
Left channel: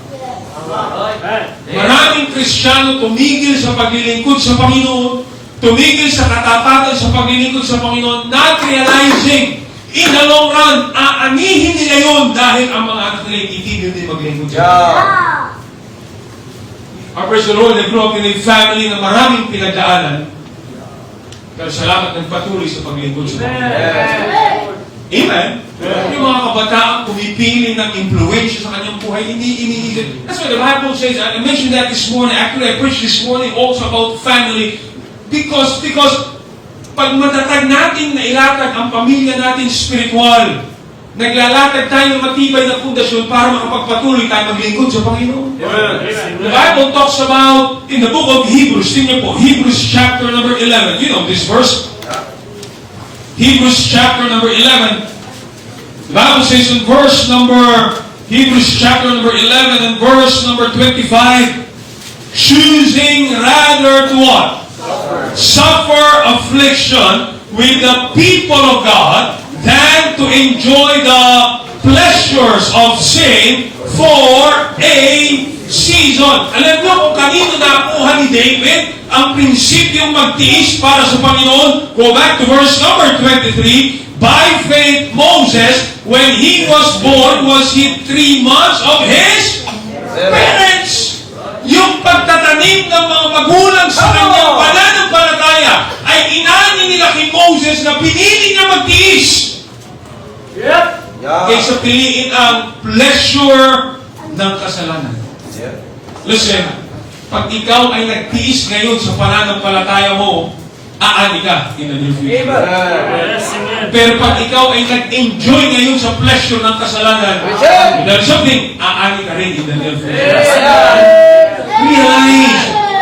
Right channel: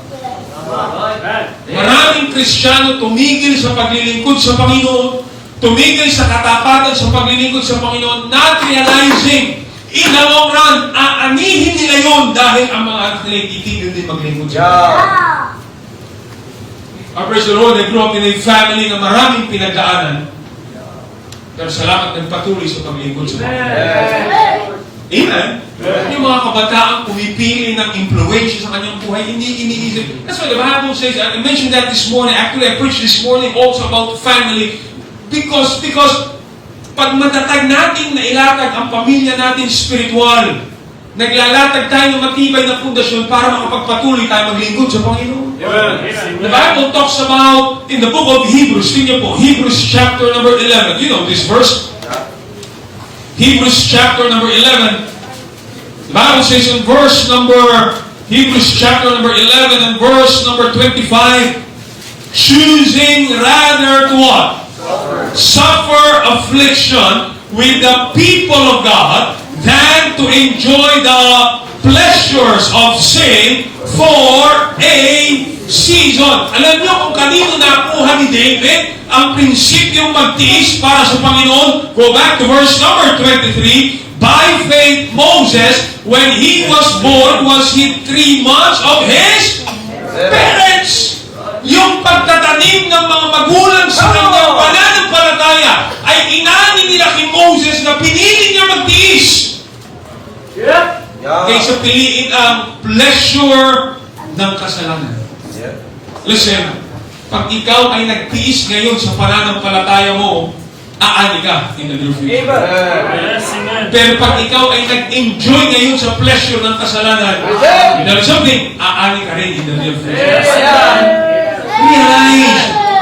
Maraming Kristiyano tumigil sa paglilingkod sa Panginoon, tumigil sa katapatan sa paglilingkod sa Panginoon, not realizing in the long run, aanihin nila yun dahil ang mga anak nila itigil din maglingkod sa Panginoon. Praise the Lord, I grew up in a family na maraming pinagdaanan. Pero salamat nagpatuloy sa paglingkod sa Panginoon. Amen? Yung mga kabataan pumipili ng impluensya sa kanyang buhay, hindi iniisip. That's why the Bible says, I mentioned that this morning, actually I preached this morning also about family, because pag matatag natin na ilatag ang pamilya natin spiritual, naglalatag tayo ng matibay na pundasyon para makapagpatuloy tayo maglingkod sa Panginoon. The Bible talks about, in the book of Hebrews, tingnan po, Hebrews chapter number 11. You know this verse? Hebrews chapter number 11. The Bible says in Hebrews chapter number 11 and verse number 25, choosing rather to what? Suffer affliction with the people of God than to enjoy the pleasures of sin for a season. Alam niyo kung kanino nakuha ni David ang prinsipyong magtiis para sa Panginoon? Go back to verse number 23. By faith, Moses, when he was born, was he 3 months of his parents. Yung pagtatanim ng mga magulang sa kanyang pananampalataya ay inani nila kay Moses na pinili niya magtiis. Yeah. Kaysa piliin ang pleasure ng kasalanan. Yeah. Listen, pag ikaw ay nagtiis ngayon sa pananampalataya mo, aani ka in the near future. Amen. Pero pag ikaw ay nag-enjoy ngayon sa pleasure ng kasalanan, dahil sabihin, aani ka rin in the near future.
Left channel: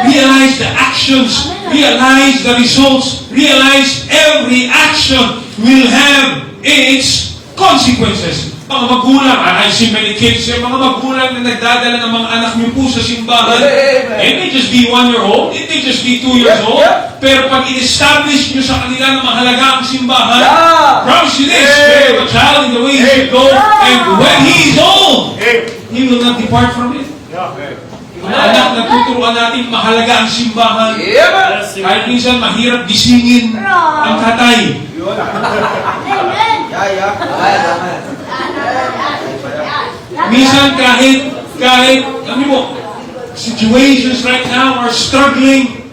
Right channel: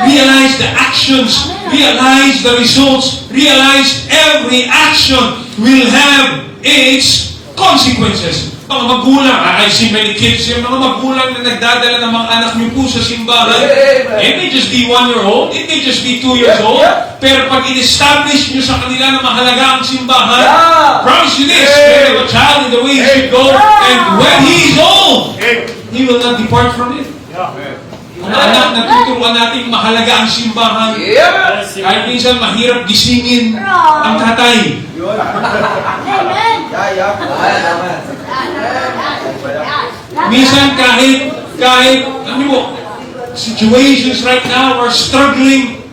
Realize the actions, realize the results, realize every action will have its consequences. Mga magulang, I see many kids here, mga magulang na nagdadala ng mga anak niyo po sa simbahan. It may just be 1 year old, it may just be 2 years old, pero pag in-establish niyo sa kanila na mahalaga ang simbahan, promise you this, bear a child in the way he should go, and when he is old, he will not depart from it. Mga anak, natuturuan natin mahalaga ang simbahan. Yeah. Kahit minsan mahirap gisingin ang tatay. Minsan kahit, ano mo, situations right now are struggling.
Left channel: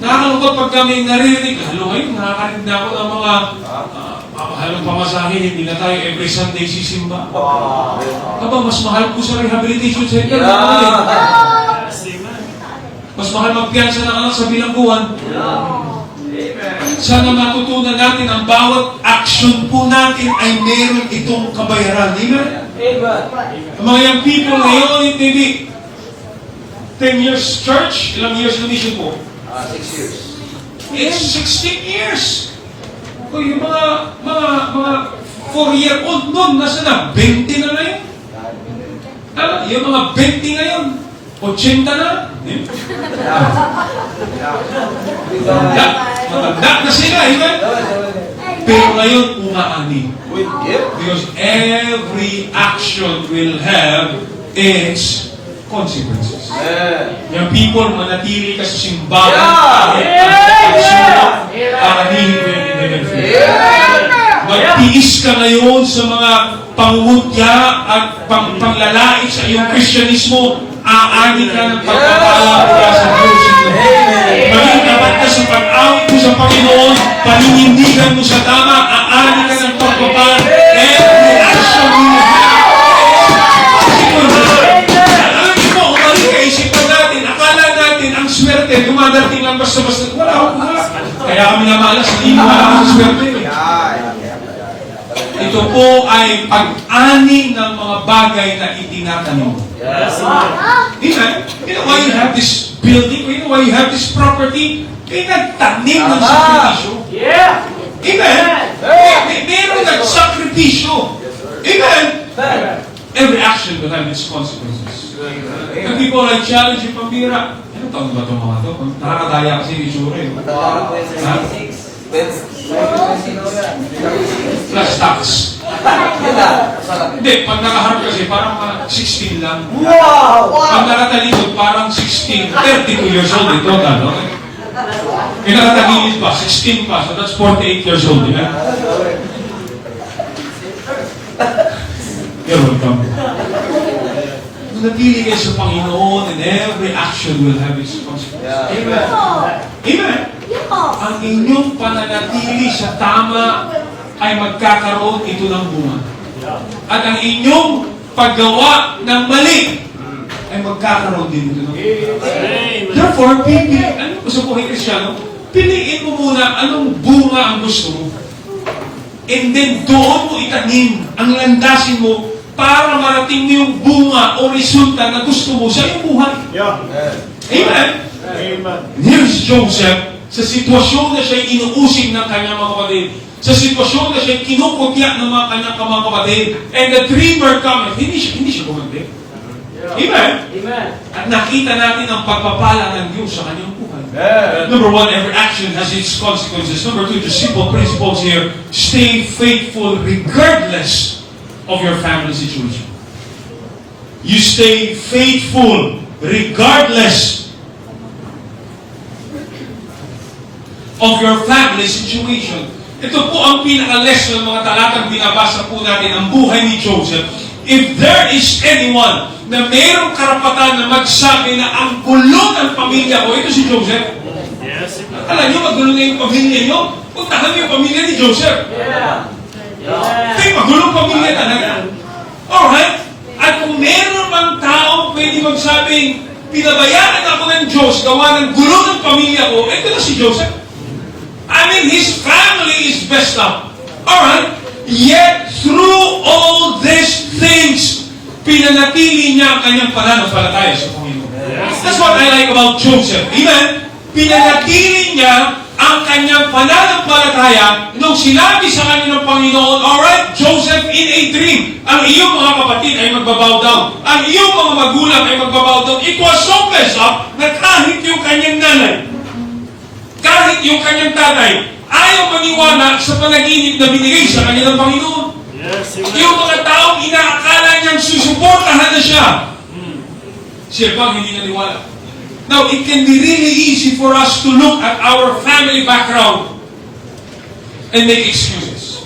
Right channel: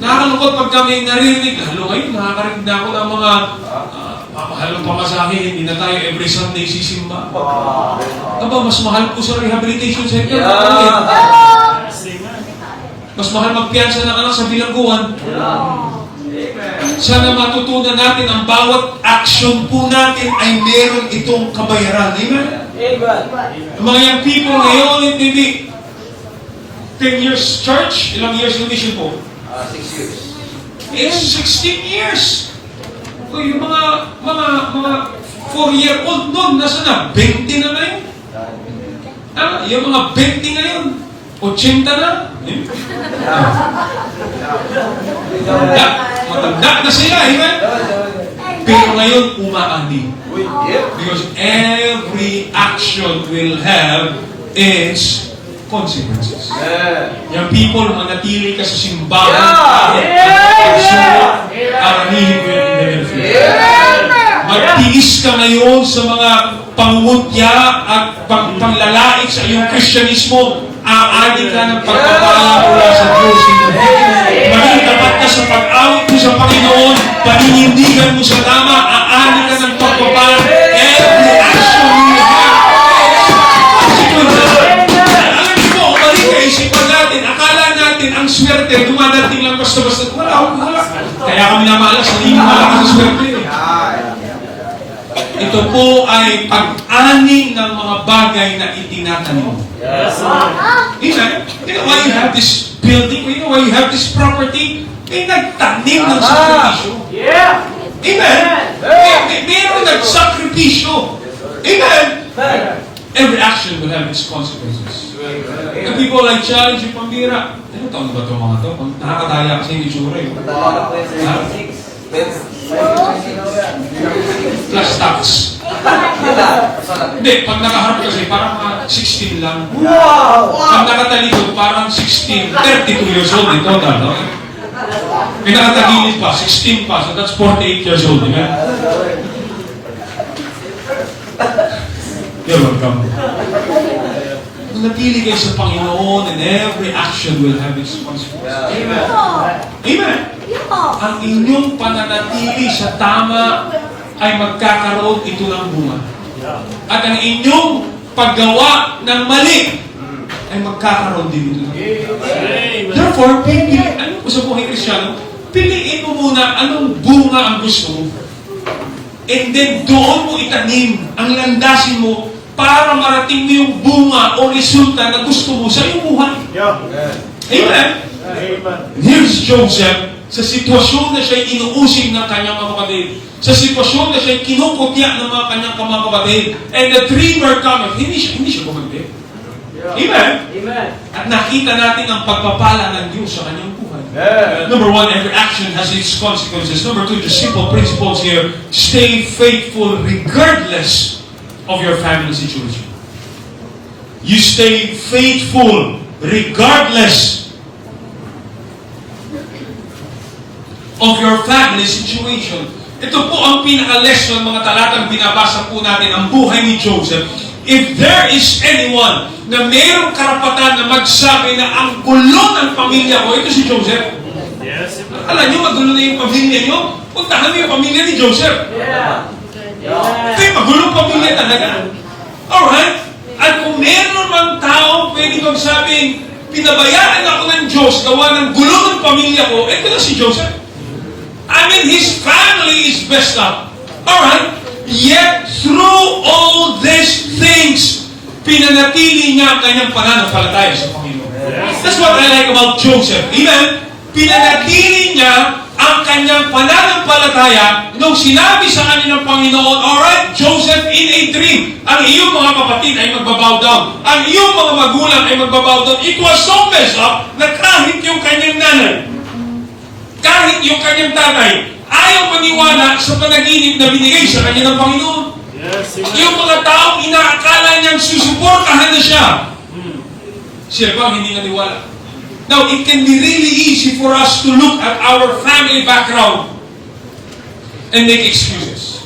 Nakakalungkot pag kami naririnig, halo ngayon, nakakarinig na ako ng mga halong pamasahe, hindi na tayo every Sunday sisimba. Aba, mas mahal ko sa rehabilitation center. Mas mahal magpiyansa ng anak sa bilangguan. Sana matutunan natin ang bawat action po natin ay meron itong kabayaran. Amen? Ang mga young people ngayon, it may be 10 years church, ilang years na mission po? 6 years. It's 16 years. O yung mga 4-year-old noon, nasa na? 20 na ngayon. Yung mga 20 ngayon, 80 na. Matanda na sila, amen? Pero ngayon, umaani. Because every action will have its consequences. Yung people, manatili ka sa simbahan, aanihin mo yung indemnity. Magtiis ka ngayon sa mga pangungutya at panglalait sa iyong Kristyanismo, aani ka ng pagpapala mula sa Diyos. Maging tapat ka sa pag-awit mo sa Panginoon, paninindigan mo sa tama, aani ka ng pagpapala. Every action you have alam mo, mali kaisipan natin, akala natin ang swerte, dumadating lang basta-basta. Wala. Kaya kami namalas, hindi mo malakas sa swerte. Ito po ay pag-ani ng mga bagay na itinatanim. Amen? You know why you have this building? You know why you have this property? Nagtanim ng sakripisyo. Amen? Meron nagsakripisyo. Amen? Every action will have its consequences. The people like challenge yung pambira. Ano taon na ba itong mga ito? Nakakataya kasi yung itsura yun. Plus tax. Hindi, pag nakaharap kasi parang 16 lang. Pag nakatalito parang 16, 32 years old ito na, no? Eh nakatagilid pa, 16 pa, so that's 48 years old, di ba? You're welcome. Natili kayo sa Panginoon and every action will have its consequences. Amen. Amen. Ang inyong pananatili sa tama ay magkakaroon ito ng bunga. At ang inyong paggawa ng mali ay magkakaroon din ito ng bunga. Therefore, alam mo sa buhay Kristyano, piliin mo muna anong bunga ang gusto mo. And then doon mo itanim, ang landasin mo para marating mo yung bunga o resulta na gusto mo sa iyong buhay. Amen? And here's Joseph, sa sitwasyon na siya'y inuusig ng kanyang mga kapatid, sa sitwasyon na siya'y kinukutya ng mga kanyang mga kapatid, and the dreamer cometh, hindi siya gumanti. Amen? At nakita natin ang pagpapala ng Diyos sa kanyang buhay. Number 1, every action has its consequences. Number 2, the simple principles here, stay faithful regardless of your family situation. You stay faithful regardless of your family situation. Ito po ang pinaka-lesson, mga talatang binabasa po natin, ang buhay ni Joseph. if there is anyone na mayroong karapatan na magsabi na ang gulo ng pamilya ko, ito si Joseph. Yes, sir. Alam niyo, magulo na yung pamilya niyo. Puntahan niyo yung pamilya ni Joseph. Kaya magulong pamilya talaga. Alright? At kung meron mang tao pwede magsabing, pinabayaan ako ng Diyos, gawa ng gulo ng pamilya ko, ito na si Joseph. I mean, his family is messed up. Alright? Yet, through all these things, pinanatili niya ang kanyang pananampalataya sa Panginoon. That's what I like about Joseph. Amen? Pinanatili niya ang kanyang pananampalataya nung sinabi sa kanya ng Panginoon, alright, Joseph, in a dream, ang iyong mga kapatid ay magbabow down. Ang iyong mga magulang ay magbabow down. It was so messed up na kahit yung kanyang nanay, kahit yung kanyang tatay, ayaw maniwala sa panaginip na binigay sa kanya ng Panginoon. Yes, sir. Yung mga taong inaakala niyang susuportahan na siya, siya bang hindi naniwala? Now, it can be really easy for us to look at our family background and make excuses.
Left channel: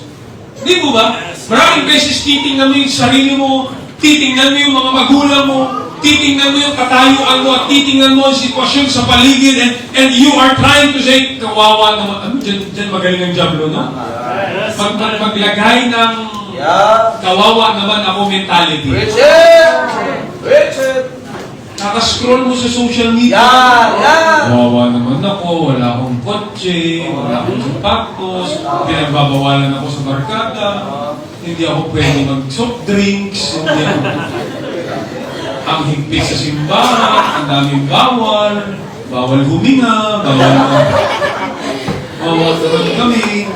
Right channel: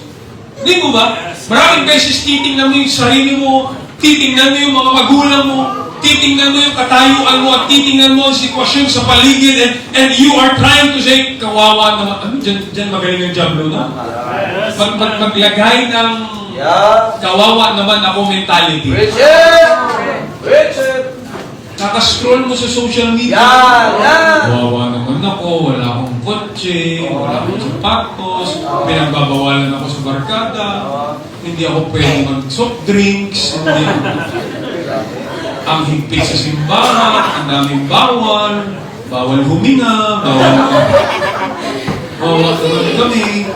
Hindi mo ba? Maraming beses titingnan mo yung sarili mo, titingnan mo yung mga magulang mo, titingnan mo yung katayuan mo, at titingnan mo ang sitwasyon sa paligid, and you are trying to say, kawawa naman, ano, dyan magaling ang Diablo, no? Maglagay ng kawawa naman ako mentality. Richard! Nakascroll mo sa social media. Kawawa naman ako, wala akong kotse, wala akong sapatos, pinagbabawalan ako sa barkada, hindi ako pwede mag-soft drinks, hindi ako ang higpit sa simbahan, ang daming bawal huminga, bawal kami.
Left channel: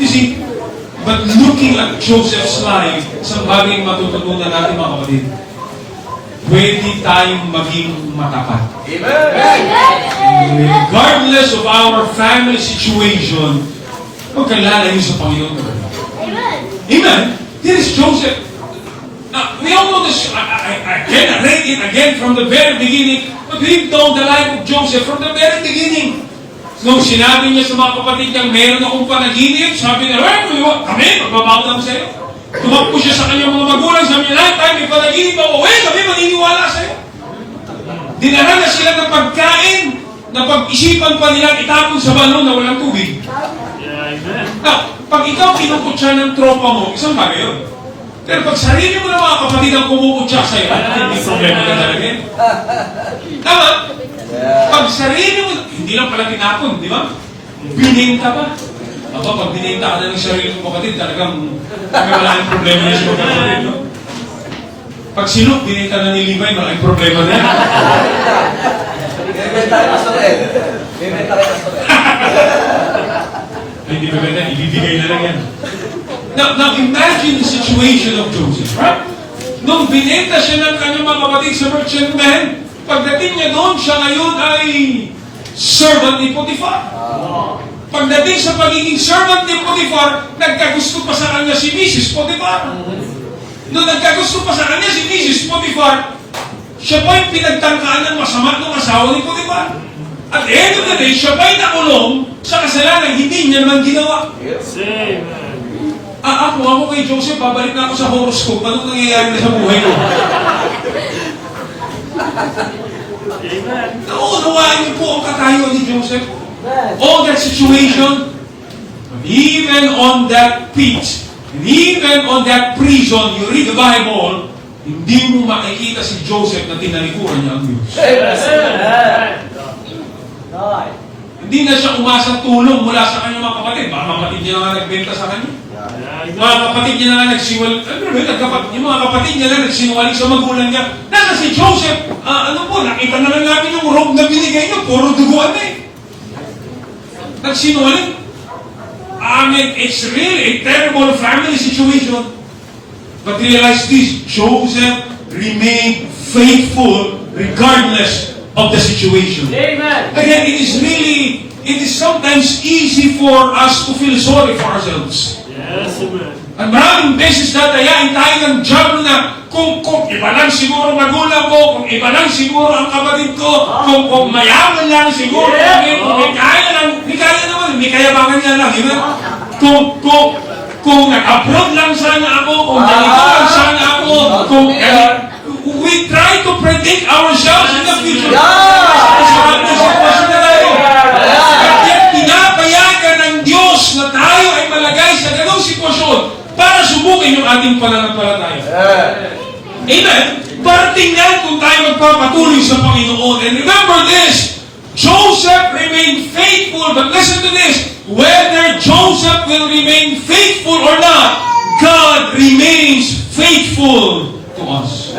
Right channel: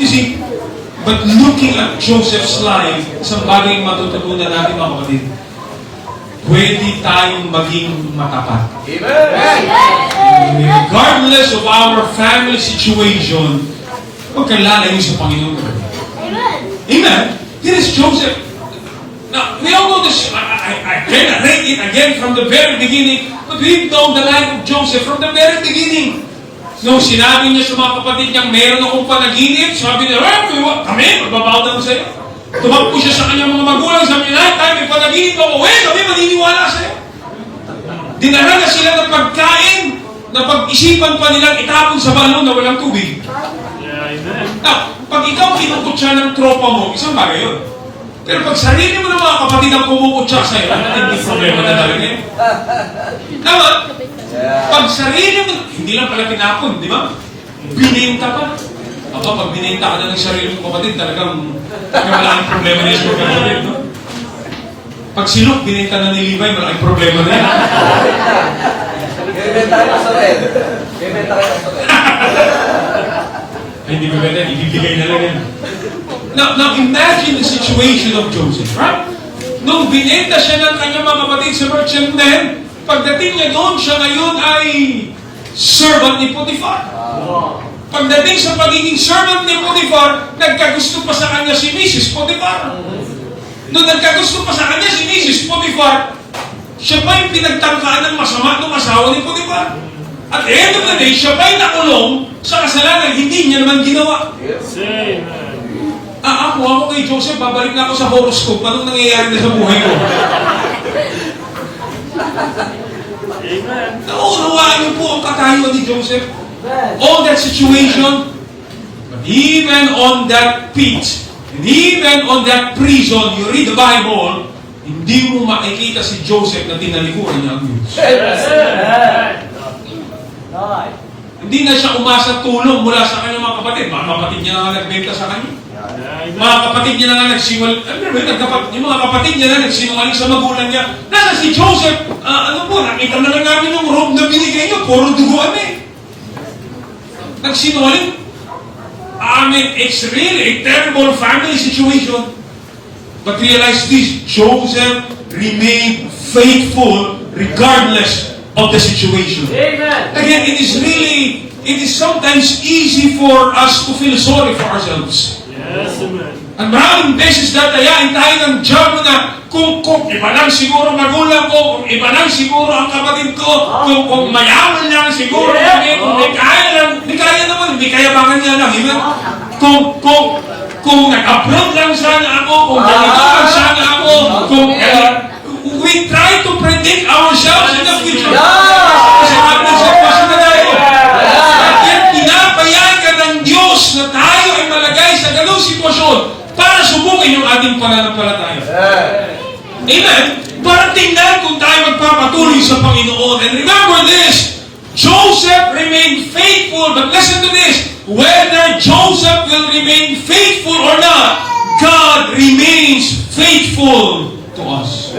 You see, but looking at Joseph's life, isang bagay matututunan natin mga kapatid, pwede tayong maging matapat. Regardless of our family situation, huwag kang lalayo sa Panginoon. Amen? Here is Joseph. Now, we all know this. I can read it again from the very beginning, but read down the life of Joseph from the very beginning. Nung sinabi niya sa mga kapatid niyang meron akong panaginip, sabi niya, kami, magbabaw lang sa'yo. Tumakbo siya sa kanyang mga magulang, sabi niya, lifetime, may panaginip ako, kami maniniwala sa'yo. Dinala na sila ng pagkain, na pag-isipan pa nila itapon sa balon na walang tubig. Now, pag ikaw kinukutsa ng tropa mo, isang bagay yun. Pero pag sarili mo ng mga kapatid ang kumukutsa sa'yo, hindi problema na talaga yun. Tama? Pag sarili mo, hindi lang pala tinapon, di ba? Bininta pa. Aba, pag bininta ka na ng sarili mo kapatid, talagang wala ang problema niya sa kapatid. No? Pag sinok, bininta na ni Levi, malaking problema na yan. Ay, hindi maganda, ibibigay na lang yan. Now, imagine the situation of Joseph, right? Nung binenta siya ng kanyang mga kapatid sa merchantman, pagdating niya doon, siya ngayon ay servant ni Potiphar. Pagdating sa pagiging servant ni Potiphar, nagkagusto pa sa kanya si Mrs. Potiphar. Nung nagkagusto pa sa kanya si Mrs. Potiphar, siya pa yung pinagtangkaan ng masama ng asawa ni Potiphar. At the end of the day, siya pa yung nakulong sa kasalanan hindi niya naman ginawa. Ako kay Joseph, babalik na ako sa horoscope. Anong nangyayari na sa buhay ko? Naunawaan niyo po ang katayuan ni Joseph. All that situation, but even on that pit, and even on that prison, you read the Bible, hindi mo makikita si Joseph na tinalikuran niya ang Diyos. Hindi na siya umasa tulong mula sa kanyang mga kapatid. Mga kapatid niya na nagbenta sa kanya. Mga kapatid niya na yung mga kapatid niya na nagsinungaling sa magulang niya. Nasa si Joseph, nakita na lang namin yung robe na binigay niyo, puro duguan na eh. Nagsinungaling. I mean, it's really a terrible family situation. But realize this, Joseph remained faithful regardless of the situation. Amen. Again, it is sometimes easy for us to feel sorry for ourselves. Yes, amen. At maraming beses dadayain tayo ng Diablo na kung iba lang siguro magulang ko, kung iba lang siguro ang kapatid ko, kung mayaman lang siguro, kung may kaya lang, may kaya naman, may kayabangan niya lang. Kung kung nag-abroad lang sana ako, kung ganito lang sana ako, kung we try to predict ourselves in the future. Sa ating sitwasyon na tayo. At pinapayagan ng Diyos na tayo ay malagay sa ganong sitwasyon para subukin yung ating pananampalataya. Amen? Para tingnan kung tayo magpapatuloy sa Panginoon. And remember this, Joseph remained faithful, but listen to this, whether Joseph will remain faithful or not, God remains faithful to us.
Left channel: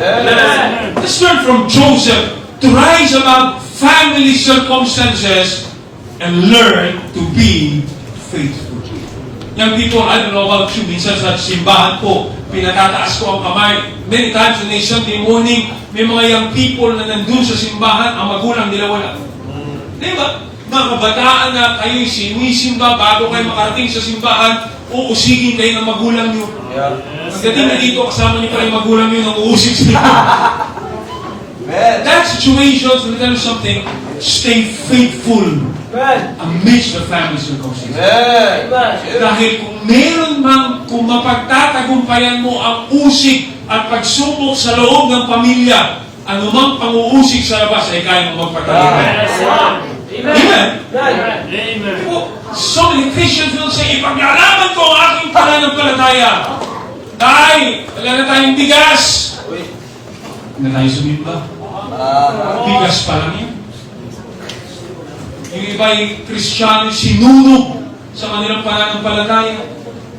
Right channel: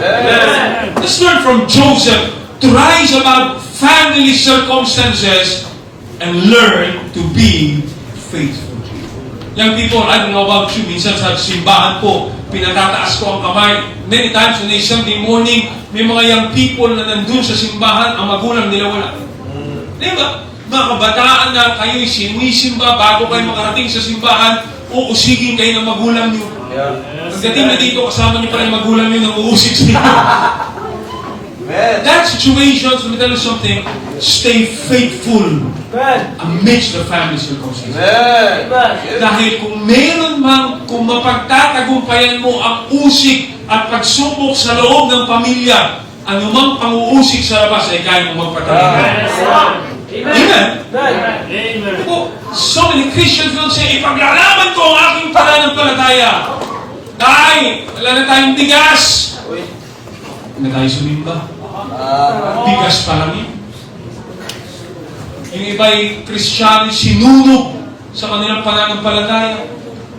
Let's learn from Joseph to rise above family circumstances and learn to be faithful. Young people, I don't know about you, minsan sa simbahan po, pinatataas ko ang kamay. Many times on a Sunday morning, may mga young people na nandun sa simbahan, ang magulang nila wala. Di ba? Mga kabataan na kayo'y sinisimba bago kayo makarating sa simbahan, uusigin kayo ng magulang niyo. Pagdating na dito, kasama niyo pala yung magulang niyo nang uusig sa inyo. That situation, let me tell you something, stay faithful amidst the family circumstances. Dahil kung mapagtatagumpayan mo ang usik at pagsubok sa loob ng pamilya, anumang pang-uusik sa labas ay kaya mo magpatagumpayan. Amen? So many Christians will say, ipaglalaman ko ang aking pananampalataya. Dahil, wala na tayong bigas. Hindi na tayo sumimba. Bigas pa lang yun. Yung iba'y Kristiyano sinunog sa kanilang pananampalataya.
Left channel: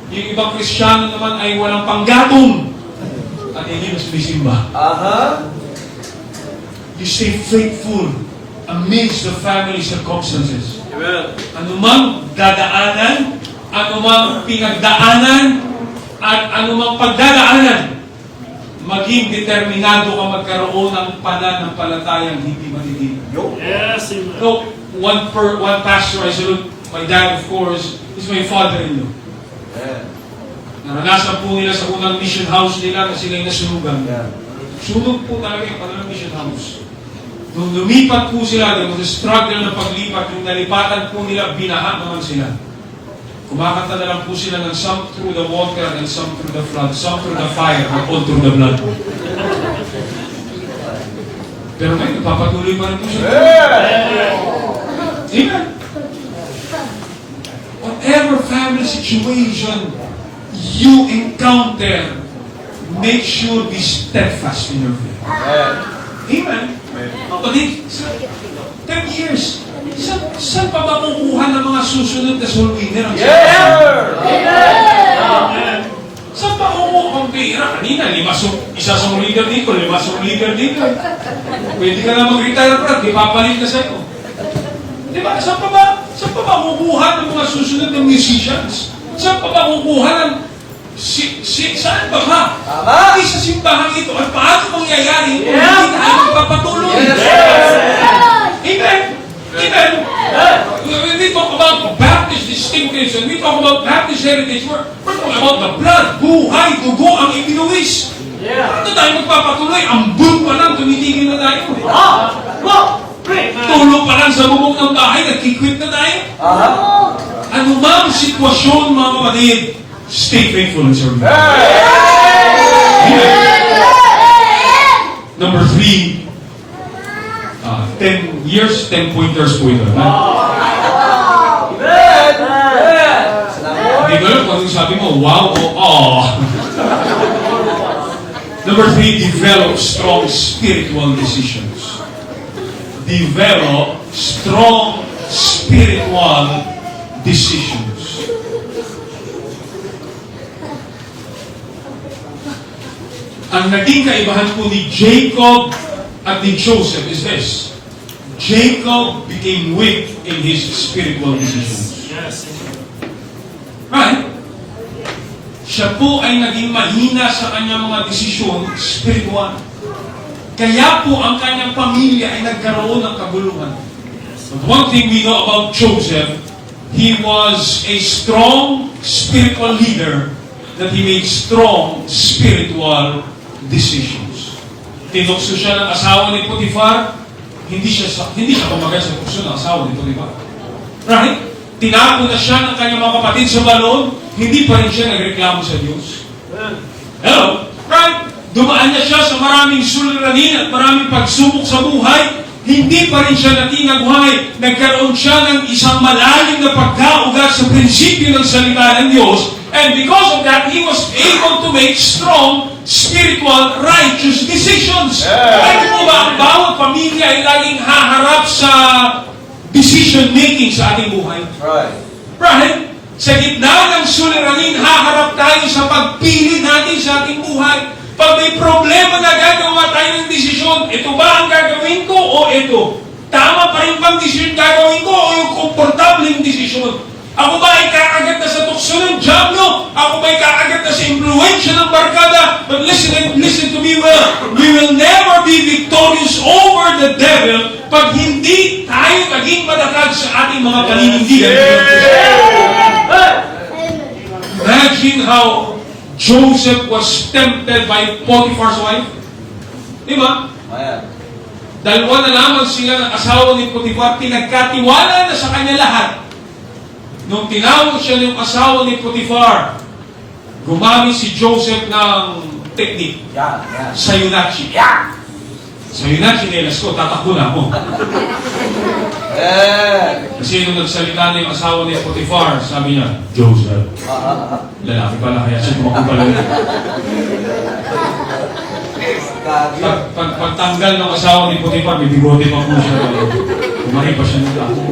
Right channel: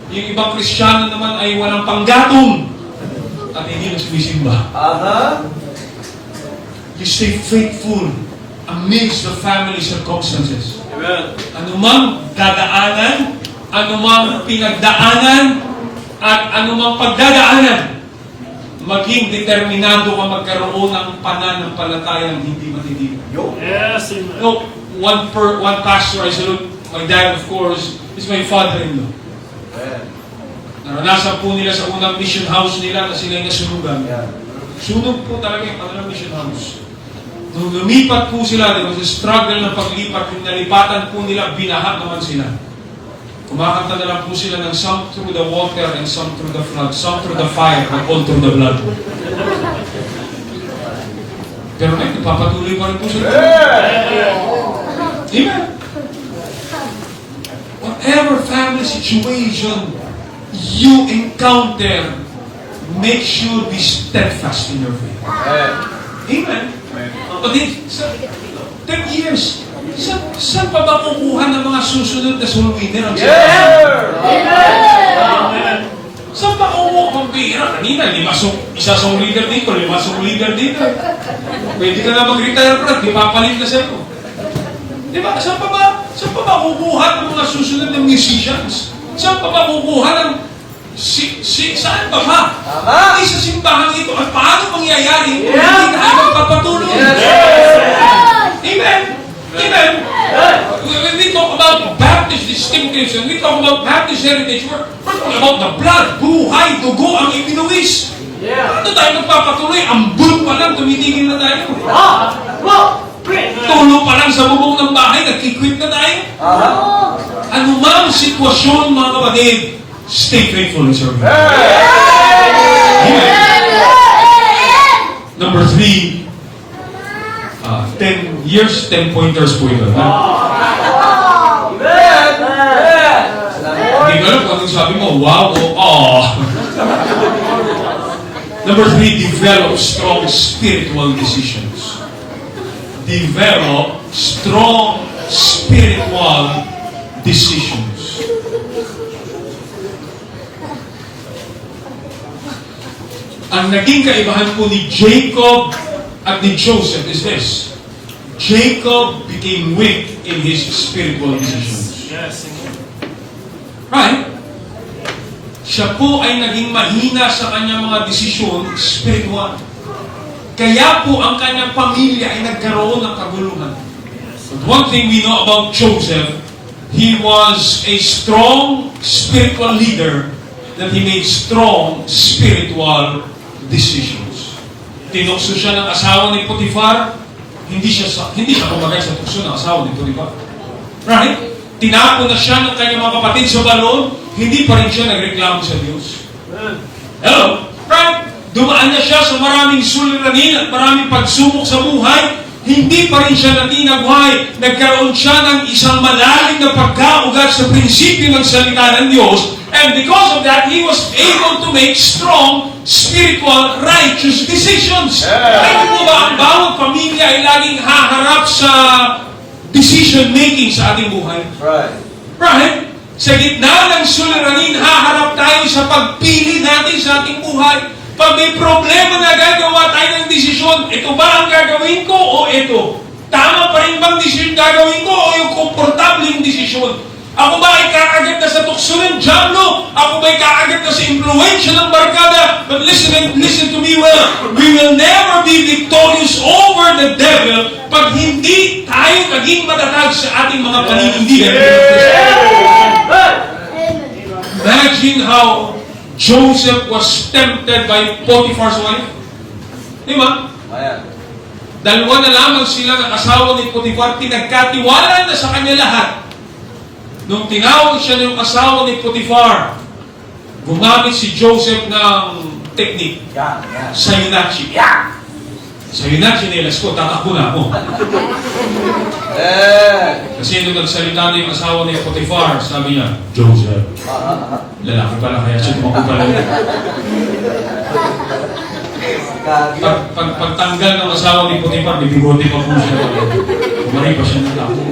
Yung ibang Kristiyano naman ay walang panggatong at hindi na sumisimba. You stay faithful amidst the family circumstances. Anumang dadaanan, anumang pinagdaanan, at anumang pagdadaanan, maging determinado ka magkaroon ng pananampalatayang hindi matitigil. Yes, amen. No, one pastor I salute, my dad of course, is my father-in-law. Naranasan po nila sa unang mission house nila kasi sila nasunugan. Sunog po talaga yung kanilang mission house. Nung lumipat po sila, there was a struggle na paglipat, yung nalipatan po nila, binaha naman sila. Kumakanta na lang po sila ng some through the water and some through the flood, some through the fire and all through the blood. Pero ngayon, nagpapatuloy pa rin po sila. Amen. Whatever family situation you encounter, make sure be steadfast in your faith. Amen. But in 10 years, saan pa ba kukuha ng mga susunod na soul winner ang saan pa kukuha ang pera? Kanina, isa soul leader dito, 5 soul leader dito. Pwede ka na mag-retire, bro. Di papalit na sa'yo. Di ba? Saan pa ba kukuha ng mga susunod ng musicians? Saan pa ba kukuha ng saan ba ba? Ay, sa simbahan ito. At paano mangyayari kung hindi tayo magpapatuloy? Amen? Amen? When we talk about Baptist distinctives and we talk about Baptist heritage, we're talking about the blood, buhay, dugo ang ibinuwis. Ano tayo magpapatuloy? Ambun pa lang, tumitigil na tayo. Tulo pa lang sa bubong ng bahay, nagkikwit na tayo. Ano mang sitwasyon, mga kapatid, stay faithful and serve. Amen. Number 3, 10 years, 10 pointers po ito. Hindi ko alam kung anong sabi mo, wow o oh. Number 3, develop strong spiritual decisions. Develop strong spiritual decisions. Ang naging kaibahan po ni Jacob at ni Joseph is this. Jacob became weak in his spiritual decisions. Yes, Right? Siya po ay naging mahina sa kanyang mga desisyon spiritual. Kaya po ang kanyang pamilya ay nagkaroon ng kaguluhan. But one thing we know about Joseph, he was a strong spiritual leader that he made strong spiritual decisions. Tinukso siya ng asawa ni Potiphar, hindi siya tumagal sa tukso ng asawa ni Potiphar. Right? tinapon na siya ng kanyang mga kapatid sa balon, hindi pa rin siya nagreklamo sa Diyos. Hello? Right? Dumaan na siya sa maraming suliranin at maraming pagsubok sa buhay, hindi pa rin siya natinagway. Nagkaroon siya ng isang malalim na pagkaugat sa prinsipyo ng salita ng Diyos, and because of that, he was able to make strong, spiritual, righteous decisions. Alam mo ba, ang bawat pamilya ay laging haharap sa decision-making sa ating buhay. Right? Sa gitna ng suliranin, haharap tayo sa pagpili natin sa ating buhay. Pag may problema na gagawa tayo ng desisyon, ito ba ang gagawin ko o ito? Tama pa rin bang desisyon gagawin ko o yung komportableng desisyon? Ako ba ay kaagat na sa tukso ng dyablo? Ako ba ay kaagat na sa impluensya ng barkada? But listen to me well. We will never be victorious over the devil pag hindi tayo naging matatag sa ating mga paninindigan. Imagine how Joseph was tempted by Potiphar's wife. Di ba? Dalawa na lamang sila ng asawa ni Potiphar, pinagkatiwala na sa kanya lahat. Nung tinawag siya ng asawa ni Potiphar, gumamit si Joseph ng technique. Sayunachi. Sayunachi nelas ko, tatakbo na ako. Kasi nung nagsalita na yung asawa ni Potiphar, sabi niya, Joseph. Lalaki pala, kaya siya tumakbo pala. Pagtanggal ng asawa ni Potiphar, may bigote pa po siya. Kumari pa siya ng ako.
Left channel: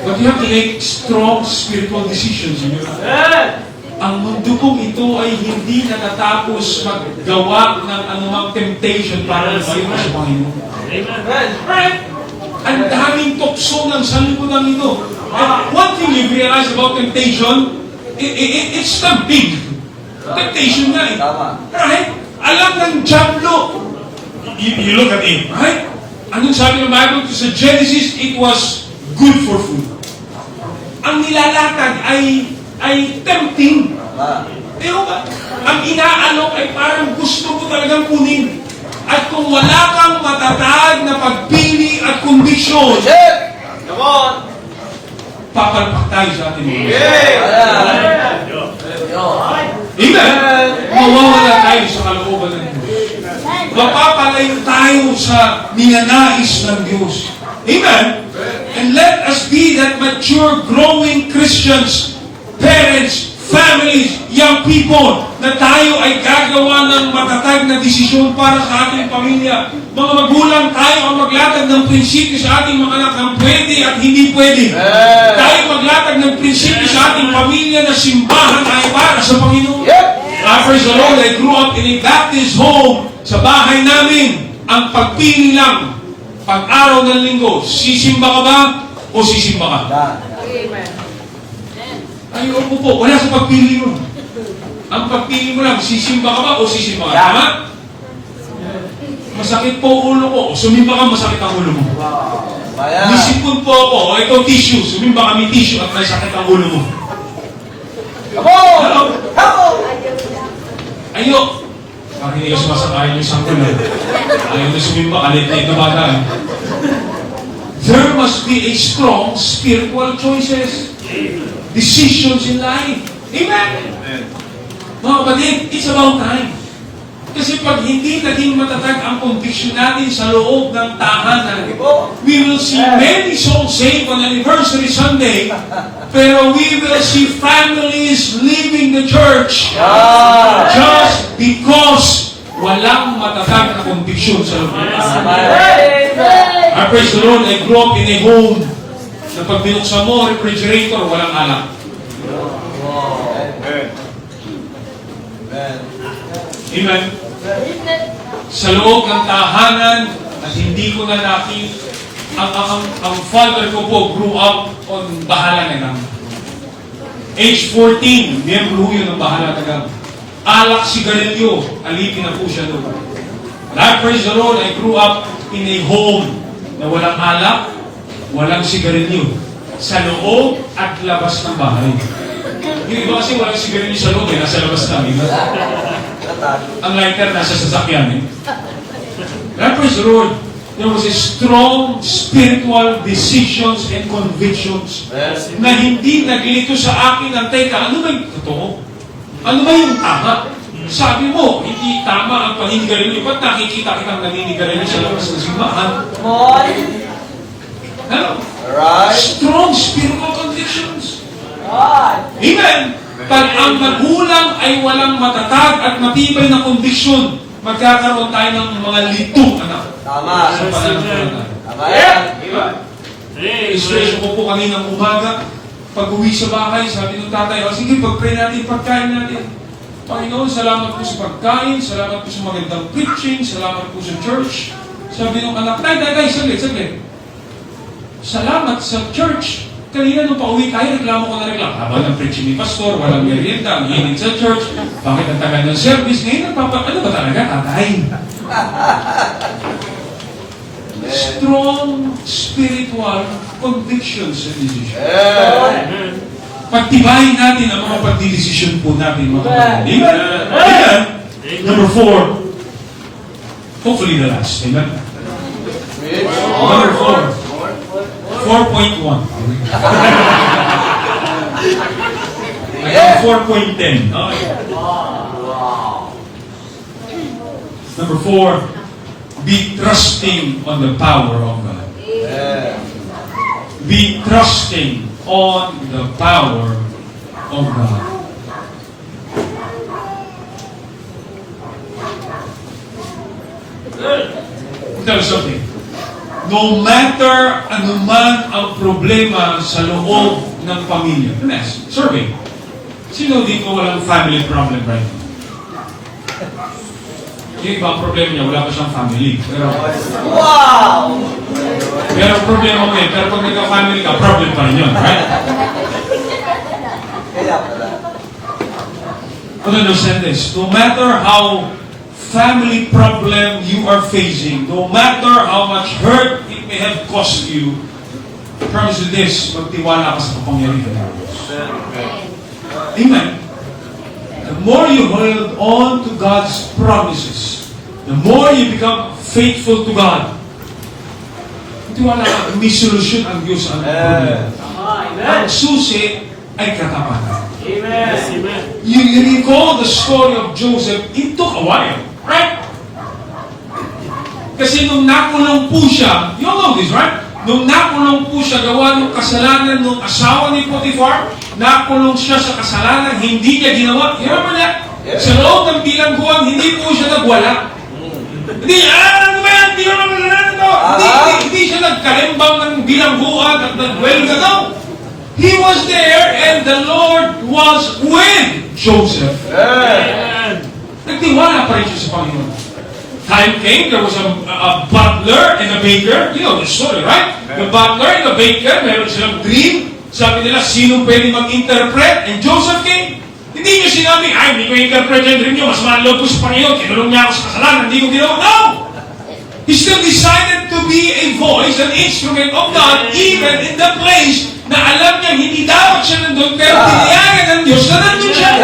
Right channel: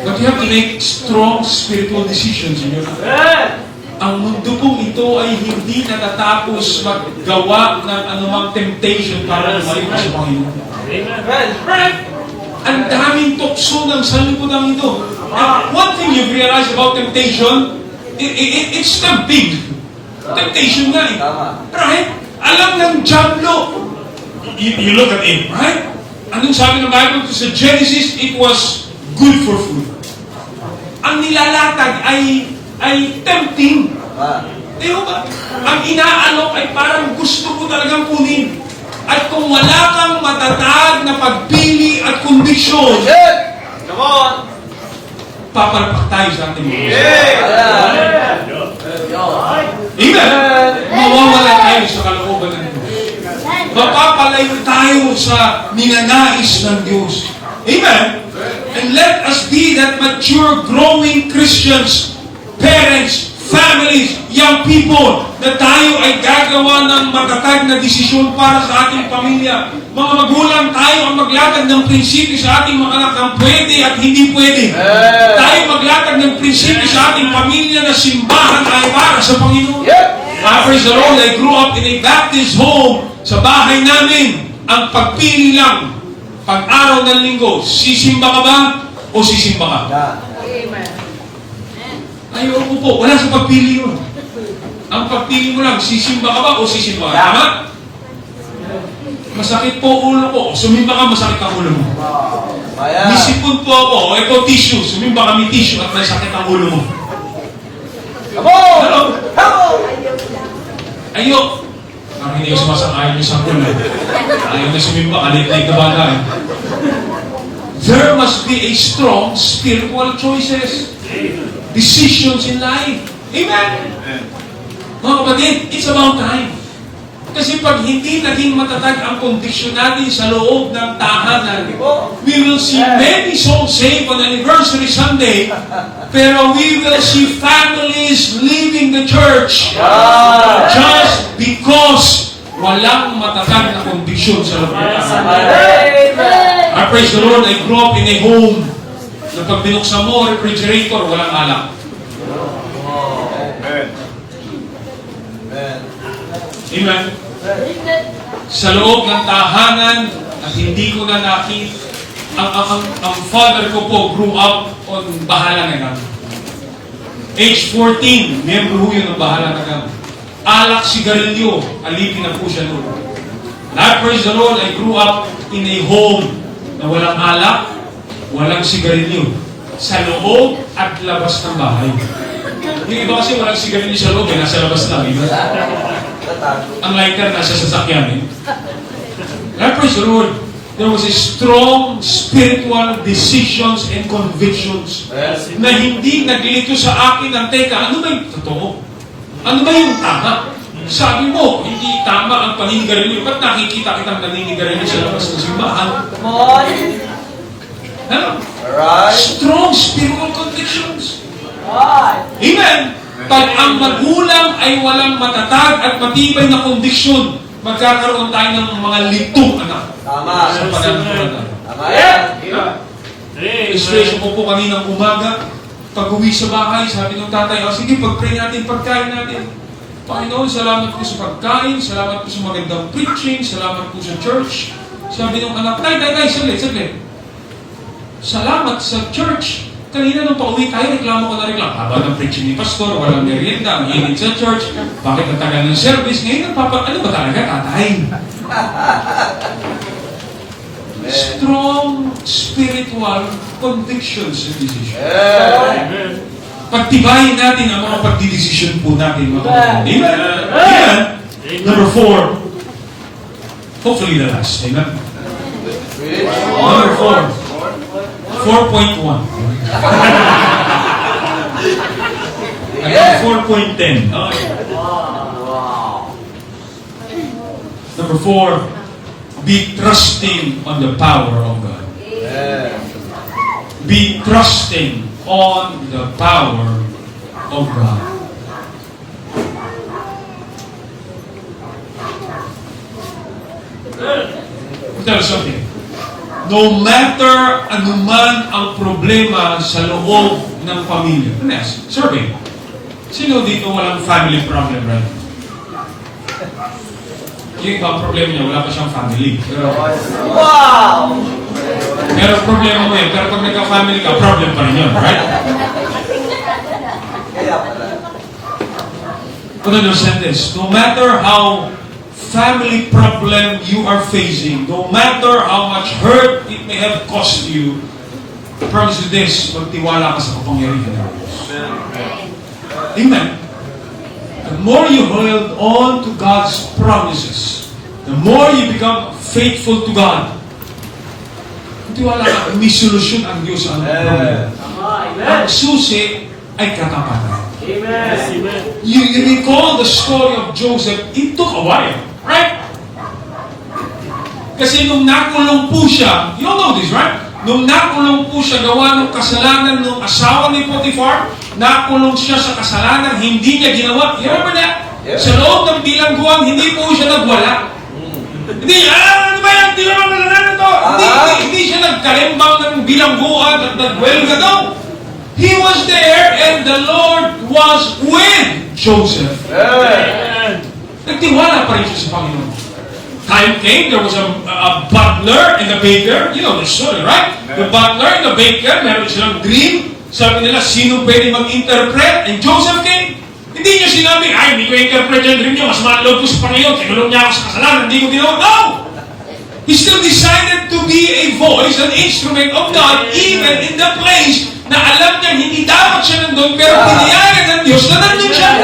But you have to make strong spiritual decisions in your life. Ang mundo pong ito ay hindi natatapos maggawa ng anumang temptation para lumalik sa Panginoon. Right? Ang daming tukso ng sanlibutan ito. And one thing you've realized about temptation, it's tempting. Temptation nga eh. Right? Alam ng dyablo. You look at him, right? Anong sabi ng Bible? Sa Genesis, it was good for food. Ang nilalatag ay tempting. Di ba? Ang inaalok ay parang gusto mo talagang kunin. At kung wala kang matatag na pagpili at kondisyon, papalpak tayo sa ating mga. Amen? Mawawala tayo sa kalooban ng Diyos. Mapapalayo tayo sa ninanais ng Diyos. Amen? And let us be that mature, growing Christians, parents, families, young people, na tayo ay gagawa ng matatag na desisyon para sa ating pamilya. Mga magulang, tayo ang maglatag ng prinsipyo sa ating mga anak ang pwede at hindi pwede. Tayo maglatag ng prinsipyo sa ating pamilya na simbahan ay para sa Panginoon. Praise the Lord, I grew up in a Baptist home. Sa bahay namin, ang pagpili lang, pag-araw ng linggo, sisimba ka ba o sisimba ka? Ayoko po, wala sa pagpili mo. Ang pagpili mo lang, sisimba ka ba o sisimba ka? Tama? Masakit po ulo ko, sumimba ka, masakit ang ulo mo. Nisipon po ako, o ito tissue, sumimba kami tissue at may sakit ang ulo mo. Hello? Ayok. Parang hindi ka sumasakayin yung sakul eh. Ayaw na sumimba, alit na yung kabaga eh. There must be a strong spiritual choices. Decisions in life. Amen? Mga kapatid, it's about time. Kasi pag hindi naging matatag ang kondisyon natin sa loob ng tahanan, we will see many souls saved on Anniversary Sunday, pero we will see families leaving the church just because walang matatag na kondisyon sa loob ng tahanan. I praise the Lord, I grew up in a home na pag binuksan mo, refrigerator, walang alak. Amen. Sa loob ng tahanan at hindi ko na nakita, ang father ko po grew up on Bahala na Gam. Age 14, miyembro ho yun ng Bahala na Gam. Alak, sigarilyo, alipin na po siya noon. I praise the Lord, I grew up in a home na walang alak, walang sigarilyo. Sa loob at labas ng bahay. Yung iba kasi walang sigarilyo sa loob, nasa labas lang. Ang lighter nasa sasakyan eh. I praise the Lord. there was a strong spiritual decisions and convictions na hindi naglito sa akin ng, teka, ano ba yung totoo? Ano ba yung tama? Sabi mo, hindi tama ang paninigarilyo. Ba't nakikita kitang naninigarilyo sa labas ng simbahan? Ano? Strong spiritual convictions. Amen. Pag ang magulang ay walang matatag at matibay na conviction, magkakaroon tayo ng mga litong anak. Tama. Sa pananampalataya. Tama yan. Expression ko po kaninang umaga, pag-uwi sa bahay, sabi ng tatay, sige, pag-pray natin, pagkain natin. Panginoon, salamat po sa pagkain, salamat po sa magandang preaching, salamat po sa church. Sabi ng anak, tay, saglit. Salamat sa church. Kanina nung pauwi tayo, reklamo ko na reklamo. Habang ang preaching ni pastor, walang merienda, ang init sa church, bakit ang tagal ng service? Ngayon, ano ba talaga, tatay? Strong spiritual convictions and decisions. Amen. Pagtibayin natin ang mga pagdidesisyon po natin, mga kapatid. Amen? Amen? Number 4. Hopefully the last. Amen? Number 4. 4.1. Hanggang 4.10. Okay. Number 4. Be trusting on the power of God. Be trusting on the power of God. I'll tell you something. No matter anuman ang problema sa loob ng pamilya. Next, survey. Sino dito walang family problem right now? Yung iba ang problema niya, wala pa siyang family. Wow! Pero problema mo yan. Pero pag nagka-family ka, problem pa rin yun. Right? But understand this. No matter how family problem you are facing, no matter how much hurt it may have cost you, I promise you this, magtiwala ka sa kapangyarihan ng Diyos. Amen. The more you hold on to God's promises, the more you become faithful to God, magtiwala ka, may solusyon ang Diyos sa ating problema. Ang susi ay katapatan. Amen. You recall the story of Joseph, it took a while. Right? Kasi nung nakulong po siya, you all know this, right? Nung nakulong po siya gawa ng kasalanan ng asawa ni Potiphar, nakulong siya sa kasalanan, hindi niya ginawa. Remember niya? Sa loob ng bilangguan, hindi po siya nagwala. Hindi, ano ba yan? Hindi naman kasalanan to. Hindi siya nagkalimbang ng bilangguan at nagwelga daw. He was there and the Lord was with Joseph. Amen. Nagtiwala pa rin siya sa Panginoon. Time came, there was a butler and a baker. You know the story, right? The butler and the baker, meron silang dream. Sabi nila, sino pwede mag-interpret? And Joseph came. Hindi niya sinabi, ay, hindi ko interpret yung dream niyo. Mas malalo ko sa Panginoon. Kinulong niya ako sa kasalanan. Hindi ko ginawa. No! He still decided to be a voice, an instrument of God, even in the place na alam niya hindi dapat siya nandun, pero tiniyagan ng Diyos na nandun siya.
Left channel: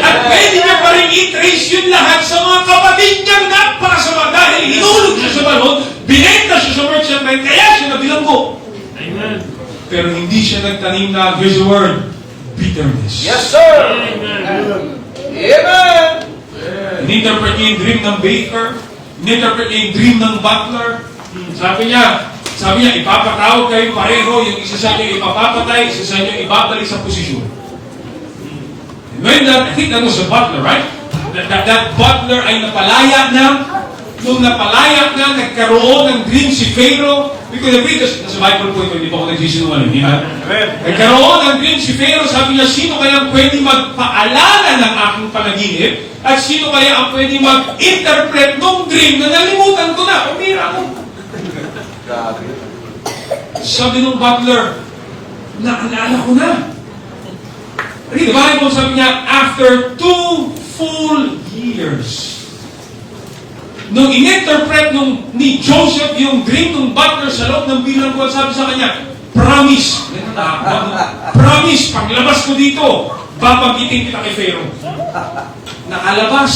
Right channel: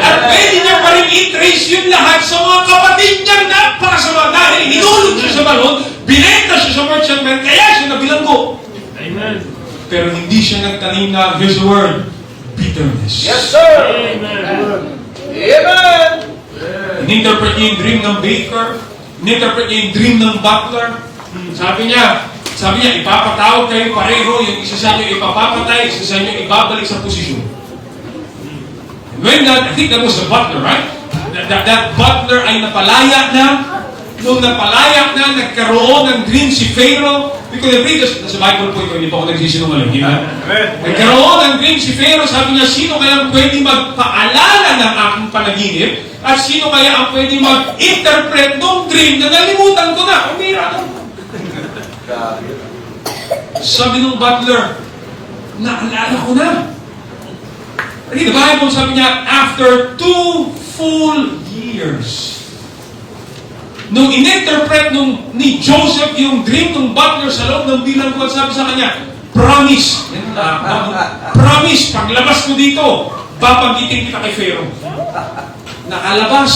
At pwede niya pa rin i-trace yun lahat sa mga kapatid niyang napakasama dahil hinulog siya sa balon, binenta siya sa merchantman, kaya siya nabilanggo. Amen. Pero hindi siya nagtanim na, here's the word, bitterness. Yes, sir! Amen. Amen! In-interpret niya yung dream ng baker, in-interpret niya yung dream ng butler. Sabi niya, ipapatawag kayo pareho, yung isa sa inyo ipapapatay, isa sa inyo ibabalik sa posisyon. When that, I think that was the butler, right? That butler ay napalaya na. Nung napalaya na, nagkaroon ng dream si Pharaoh. We could have read this, nasa Bible po ito, hindi pa ako nagsisinungaling. Nagkaroon ng dream si Pharaoh, sabi niya, sino kaya pwede magpaalala ng aking panaginip? At sino kaya ang pwede mag-interpret ng dream na nalimutan ko na? Pamira ka. Sabi ng butler, naalala ko na. Read the Bible, sabi niya, after 2 full years, nung in-interpret ni Joseph yung dream ng butler sa loob ng bilangguan, sabi sa kanya, promise, promise, paglabas ko dito, babagitin kita kay Pharaoh. Nakalabas,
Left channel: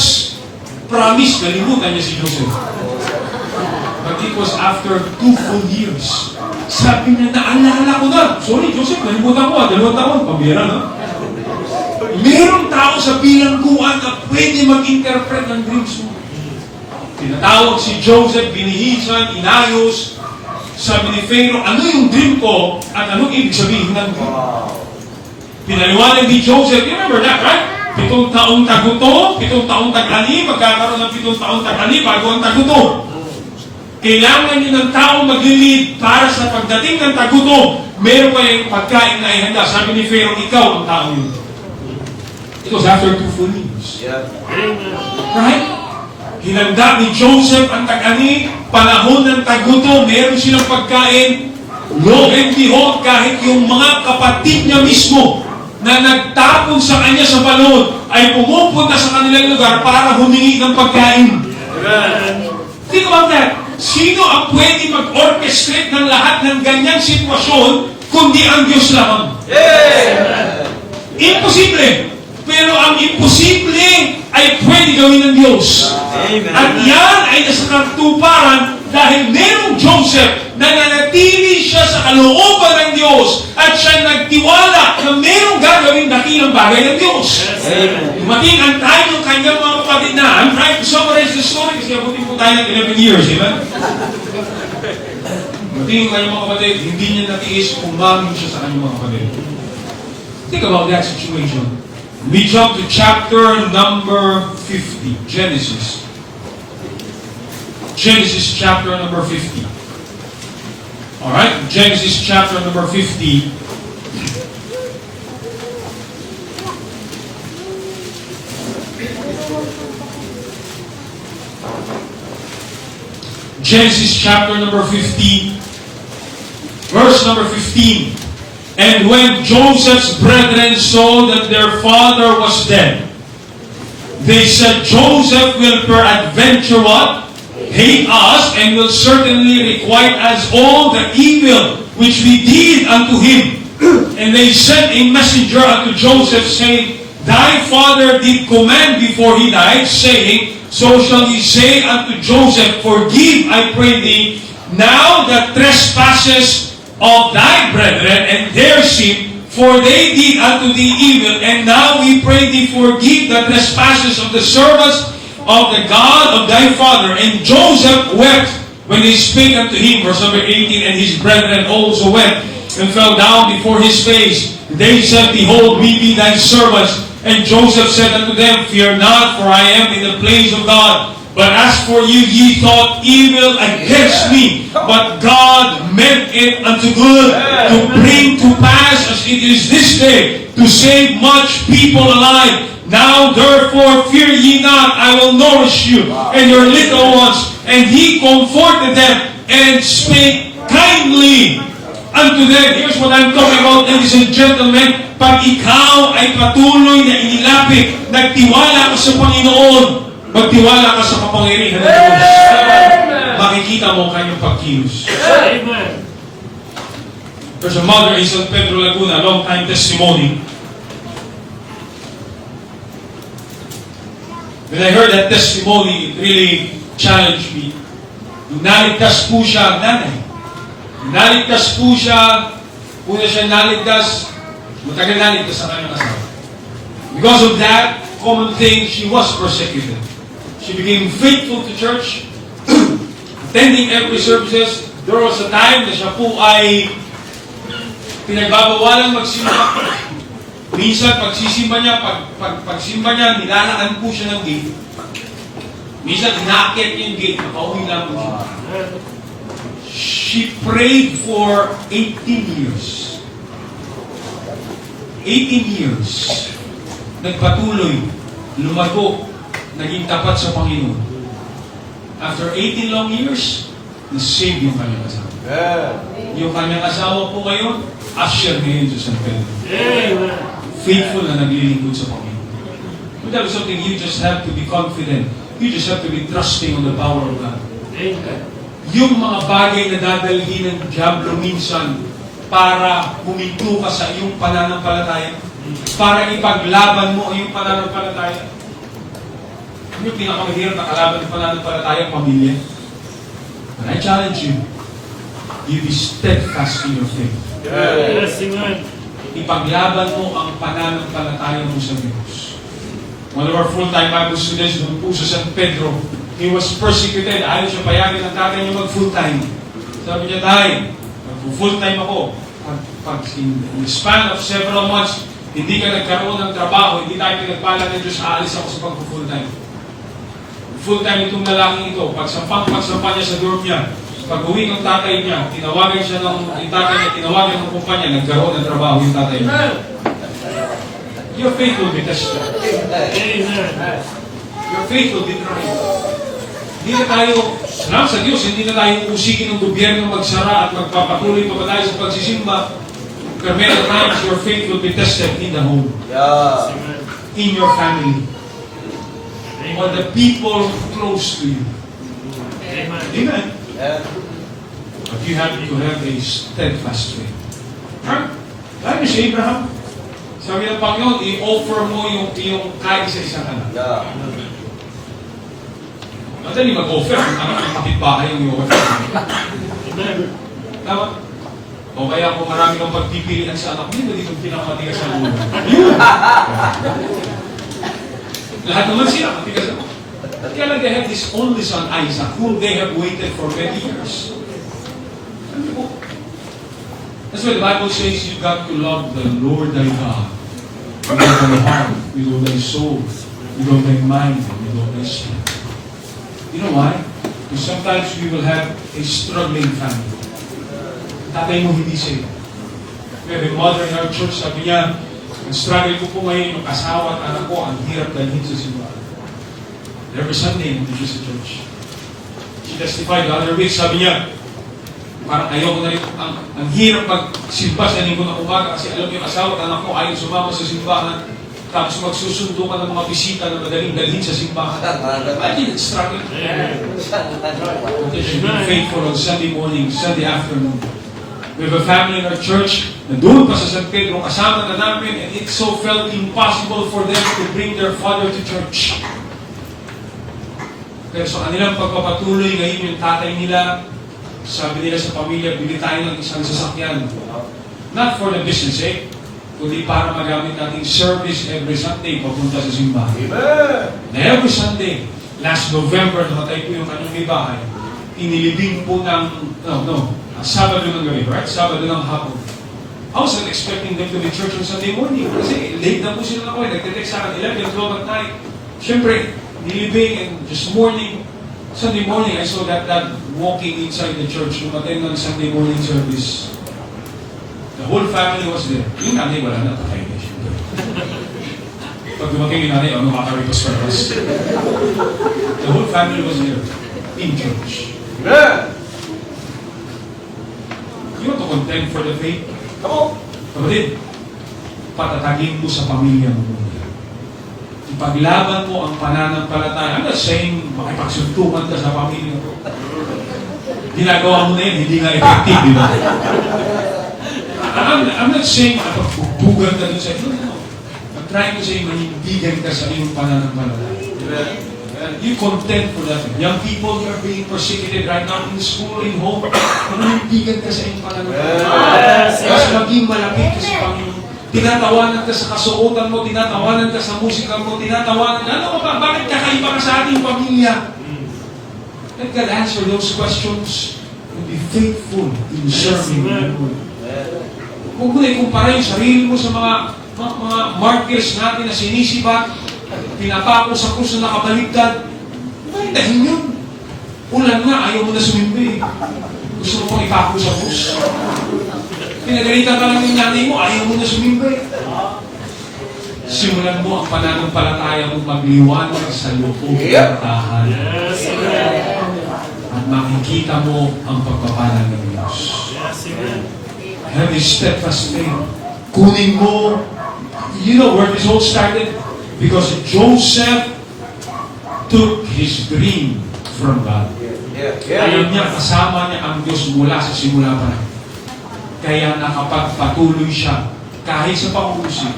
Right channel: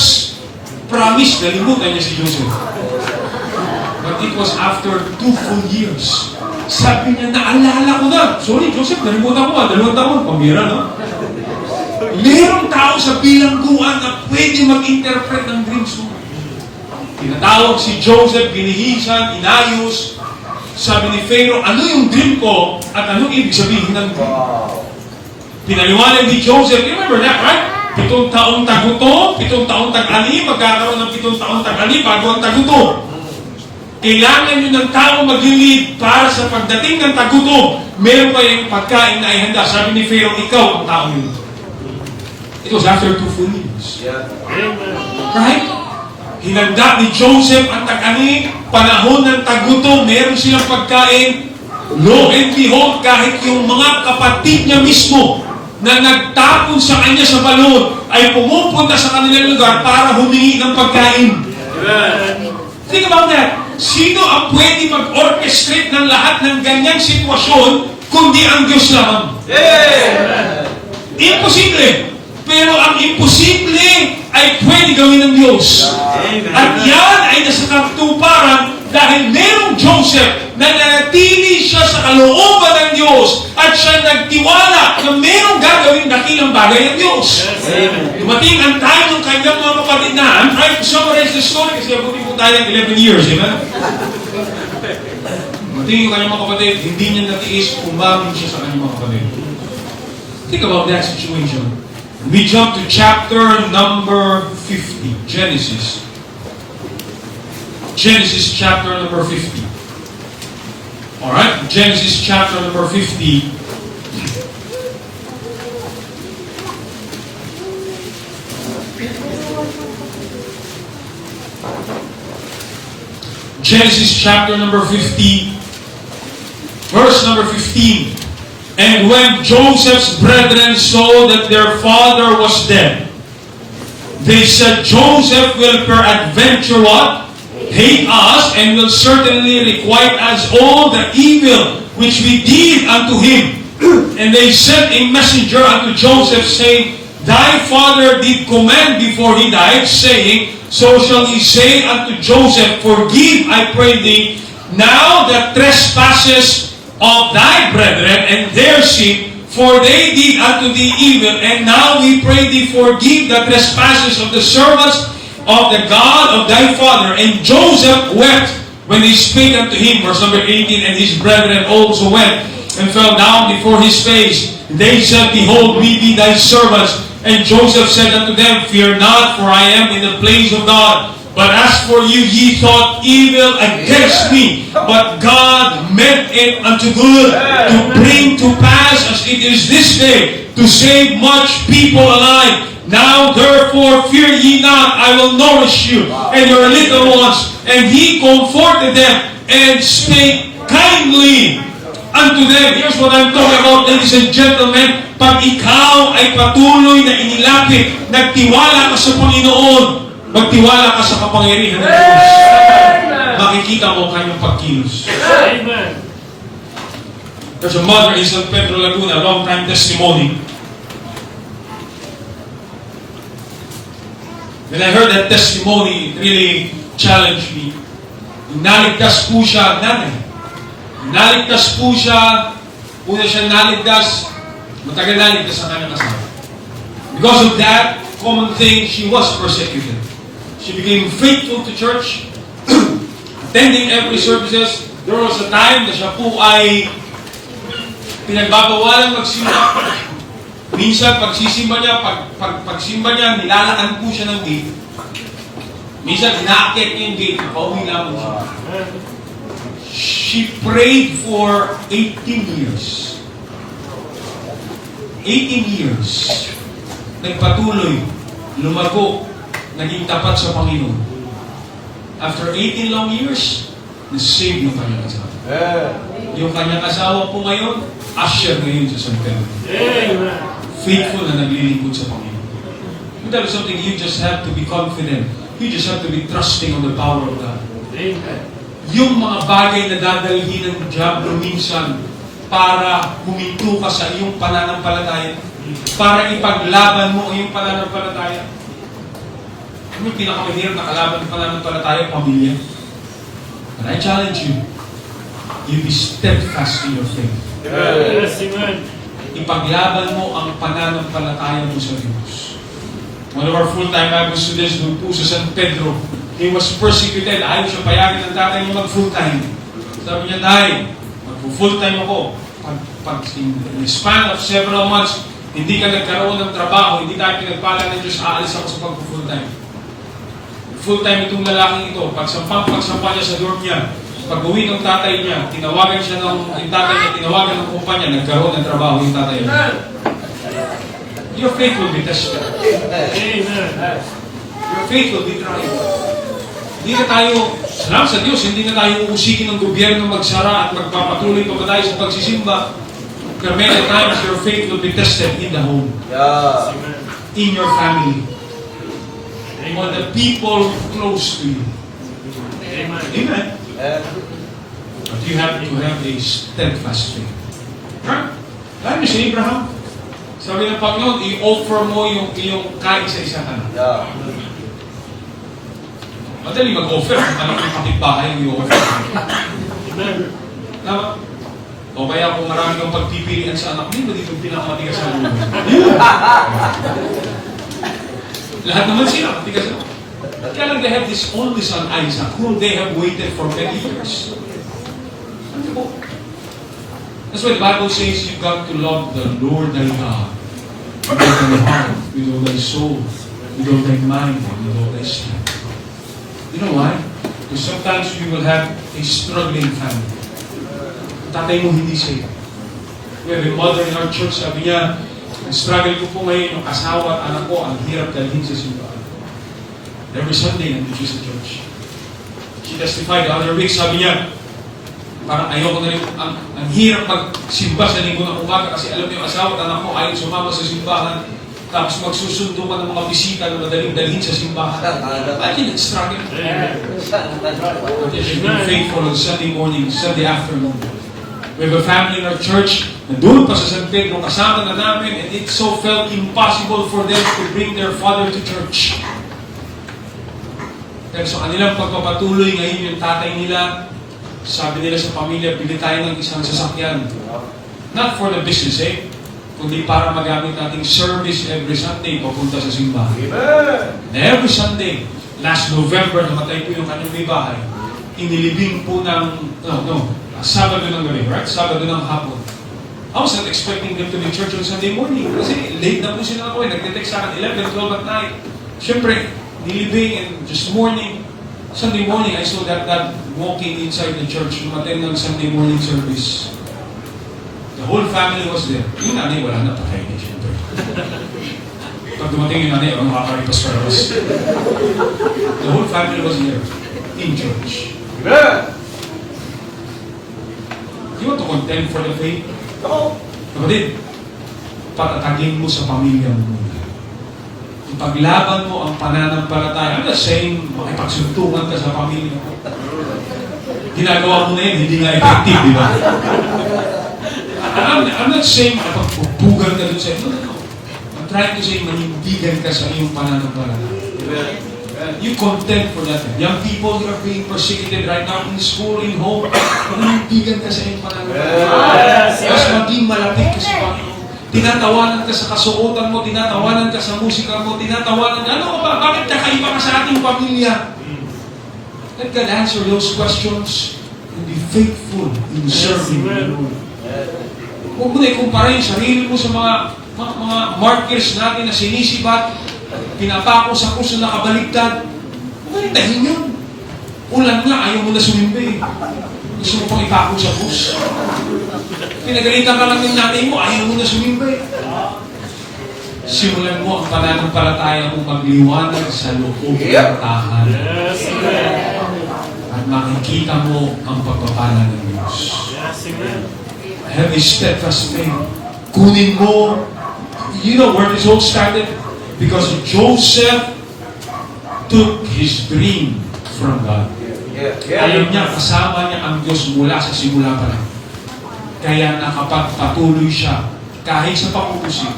promise, nalimutan niya si Joseph. But it was after 2 full years. Sabi niya, naalala ko na. Sorry, Joseph, nalimutan ko. 2 taon, pambira, no? Merong tao sa bilangguan na pwede mag-interpret ng dreams mo. Tinatawag si Joseph, binihisan, inayos. Sabi ni Pharaoh, ano yung dream ko at anong ibig sabihin ng dream? Pinaliwanag ni Joseph, you remember that, right? 7 taong taguto, 7 taong tag-ani, magkakaroon ng 7 taong tag-ani bago ang taguto. Kailangan nyo ng tao mag-lead para sa pagdating ng taguto, meron pa yung pagkain na ihanda. Sabi ni Pharaoh, ikaw ang tao yun. It was after 2 full years. Right? Hinanda ni Joseph ang tag-ani, panahon ng taguto, meron silang pagkain. Lo and behold, kahit yung mga kapatid niya mismo na nagtapon sa kanya sa balon ay pumupunta sa kanilang lugar para humingi ng pagkain. Think about that. Sino ang pwede mag-orchestrate ng lahat ng ganyang sitwasyon kundi ang Diyos lamang? Imposible. Pero ang imposible ay pwede gawin ng Diyos. At yan ay nasa katuparan dahil mayroong Joseph na nanatili siya sa kalooban ng Diyos at siya nagtiwala na mayroong gagawin dakilang bagay ng Diyos. Dumating ang time ng kanyang mga kapatid na, I'm trying to summarize the story kasi abutin po tayo ng 11 years, amen? Dumating yung kanyang mga kapatid, hindi niya natiis, umamin siya sa kanyang mga kapatid. Think about that situation. We jump to chapter number 50, Genesis. Genesis chapter number 50. Alright, Genesis chapter number 50. Genesis chapter number 50, verse number 15. And when Joseph's brethren saw that their father was dead, they said, Joseph will peradventure what? Hate us, and will certainly requite us all the evil which we did unto him. And they sent a messenger unto Joseph, saying, Thy father did command before he died, saying, So shall he say unto Joseph, Forgive, I pray thee, now the trespasses of thy brethren and their sin, for they did unto thee evil, and now we pray thee, forgive the trespasses of the servants of the God of thy father. And Joseph wept when he spake unto him, verse number 18, and his brethren also wept, and fell down before his face. They said, Behold, we be thy servants. And Joseph said unto them, Fear not, for I am in the place of God. But as for you, ye thought evil against me, but God meant it unto good, to bring to pass as it is this day, to save much people alive. Now therefore fear ye not, I will nourish you and your little ones. And he comforted them and spake kindly unto them. Here's what I'm talking about, ladies and gentlemen. Pag ikaw ay patuloy na inilapit, nagtiwala ka sa Panginoon, magtiwala ka sa kapangyarihan ng Diyos. Makikita mo kanyang pagkilos. Amen. There's a mother in San Pedro, Laguna, long-time testimony. When I heard that testimony, it really challenged me. Naligtas po siya, nanay. Naligtas po siya, una siya naligtas, matagal naligtas sa kanyang asawa. Because of that common thing, she was persecuted. She became faithful to church, attending every services. There was a time na siya po ay pinagbabawalan magsimba. Minsan, pagsisimba niya, pagsimba niya, nilalakad po siya ng gate. Minsan, inaakit niya yung gate, pauwi lang po siya. She prayed for 18 years. 18 years. Nagpatuloy, lumago, naging tapat sa Panginoon. After 18 long years, na-save yung kanyang asawa. Yung kanyang asawa po ngayon, usher ngayon sa San Pedro. Faithful na naglilingkod sa Panginoon. But that is something you just have to be confident. You just have to be trusting on the power of God. Yung mga bagay na dadalhin ng diablo minsan para huminto ka sa iyong pananampalataya, para ipaglaban mo ang iyong pananampalataya. Yung pinakamahirap na kalaban ng pananampalataya, pamilya. And I challenge you, you be steadfast in your faith. Yes, amen. Ipaglaban mo ang pananampalataya mo sa Diyos. One of our full-time Bible students doon po sa San Pedro, he was persecuted. Ayaw siya payagin ng tatay niya mag-full-time. Sabi niya, Tay, mag-full-time ako. Pag in the span of several months, hindi ka nagkaroon ng trabaho, hindi tayo pinagpala ng Diyos, aalis ako sa pag-full-time. Full-time itong lalaking ito. Pagsampa niya sa work niya, pag-uwi ng tatay niya, tinawagan siya ng tatay niya, tinawagan ng kumpanya, nagkaroon ng trabaho yung tatay niya. Your faith will be tested. Amen. Your faith will be tried. Hindi na tayo, salamat sa Diyos, hindi na tayo uusikin ng gobyerno magsara at magpapatuloy pa ba tayo sa pagsisimba. There are many times your faith will be tested in the home, Yeah. in your family, on the people close to you. Amen. Amen. Amen. But you have to have a steadfast faith. Huh? Lalo si Abraham. Sabi ng Panginoon, i-offer mo yung kaisa-isa ka na. Yeah. Madali mag-offer, kung tanong yung kapitbahay yung i-offer. Amen. Tama? O kaya kung marami kang pagpipilian sa anak mo, dito pinakamatigas sa ulo. Lahat naman sila, matigas ako. Kaya lang they have this only son, Isaac, whom they have waited for many years. Ano po? That's why the Bible says you've got to love the Lord thy God with all thy heart, with all thy soul, with all thy mind, and with all thy strength. You know why? Because sometimes you will have a struggling family. Tatay mo hindi safe. We have a mother in our church, sabi niya, nag-struggle ko po ngayon yung asawa at anak ko, ang hirap dalhin sa simbahan. Every Sunday, nandito siya sa church. She testified the other week, sabi niya, parang ayoko na rin, ang hirap magsimba sa linggo ng umaga kasi alam niyo yung asawa at anak ko ayaw sumama sa simbahan tapos magsusundo ka ng mga bisita na madaling dalhin sa simbahan. I think it's struggling. But if you've been faithful on Sunday morning, Sunday afternoon, we have a family in our church na doon pa sa San Pedro, kasama na namin, and it so felt impossible for them to bring their father to church. Pero sa kanilang pagpapatuloy ngayon yung tatay nila, sabi nila sa pamilya, bili tayo ng isang sasakyan. Not for the business sake, kundi para magamit nating service every Sunday papunta sa simbahan. Amen. Every Sunday, last November, namatay po yung kanyang may bahay. Inilibing po ng, Sabado ng gabi, right? Sabado ng hapon. I was not expecting them to be church on Sunday morning kasi late na po sila na ko. Nagte-text sa akin 11, 12 at night. Siyempre, nilibing and just morning, Sunday morning, I saw that dad walking inside the church, umattend ng Sunday morning service. The whole family was there. Yung nanay, wala na, patay na, siyempre. Pag dumating yung nanay, ano makakaripas para us? The whole family was there, in church. Amen. You want to contend for the faith? No. Kapatid, patatagin mo sa pamilya mo. Ipaglaban mo ang pananampalataya. I'm not saying makipagsuntukan ka sa pamilya mo. Ginagawa mo na yun, hindi nga effective, di ba? I'm not saying makapagpupugan ka doon sa iyo. No. I'm trying to say manindigan ka sa iyong pananampalataya. You contend for that. Young people who are being persecuted right now in school, in home, manindigan ka sa iyong pananampalataya. Mas maging malapit ka sa Panginoon. Tinatawanan ka sa kasuotan mo, tinatawanan ka sa musika mo, tinatawanan ka, ano ba, bakit kakaiba ka sa ating pamilya? Let God answer those questions and be faithful in serving the Lord. Huwag mo na ikumpara yung sarili mo sa mga martyrs natin na sinisibat, pinapako sa krus na nakabaligtad. Huwag tahin yun. Ulan nga, ayaw mo na sumimbi. Gusto mo pang ipako sa krus. Pinagalitan ka lang ng nanay mo, ayaw mo na sumimbi. Simulan mo ang pananampalataya mo magliwanag sa loob ng tahanan. At makikita mo ang pagpapala ng Diyos. Have a steadfast faith. Kunin mo, you know where this all started? Because Joseph took his dream from God. Alam niya, kasama niya ang Diyos mula sa simula pa lang. Kaya nakapagpatuloy siya kahit sa pangungusig,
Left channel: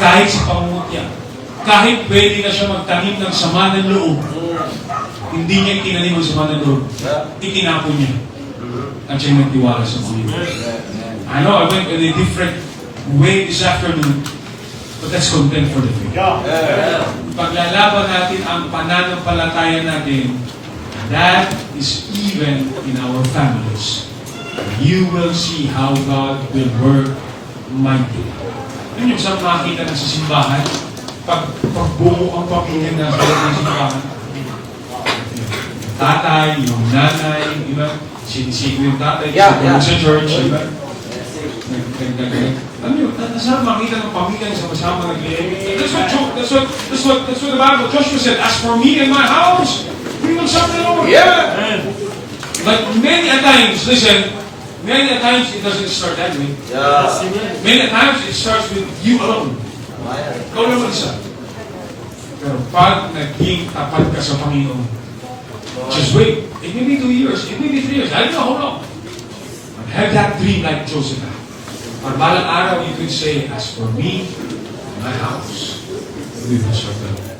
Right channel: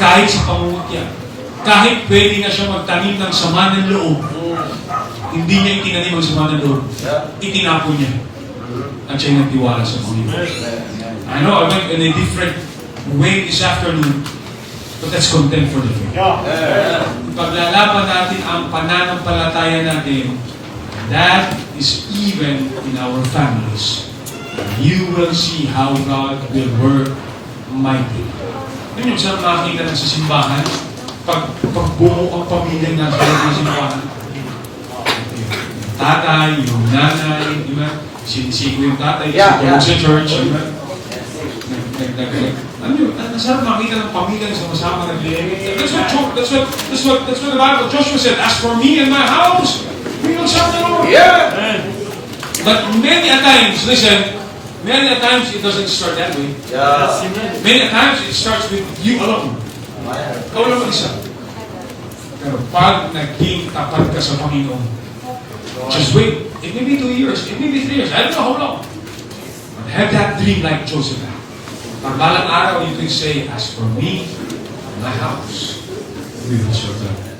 kahit sa pangungutya, kahit pwede na siya magtanim ng sama ng loob. Hindi niya itinanim ang sumanador. Itinapon niya. At siya'y nagtiwala sa Panginoon. I know I went in a different way this afternoon, but that's content for the faith. Paglalaban natin ang pananampalataya natin, that is even in our families. You will see how God will work mightily. Yun yung saan makikita na sa simbahan, pagbuo ang pamilya na sa loob ng simbahan. Tatay, yung nanay, di ba? Sinisig yung tatay, sa church, di ba? Alam nyo, nasarap makita ng pamilya sa kasama naglilingit. That's what the Bible, Joshua said, as for me and my house, we will serve the Lord. Amen. But many a times, listen, many a times it doesn't start that way. Yes, amen. Many a times it starts with you alone. Ikaw lang mag-isa. Pero pag naging tapat ka sa Panginoon, just wait. It may be 2 years, it may be 3 years, I don't know how long. But have that dream like Joseph had. Pag balang araw, you can say, as for me, my house, we will serve the Lord.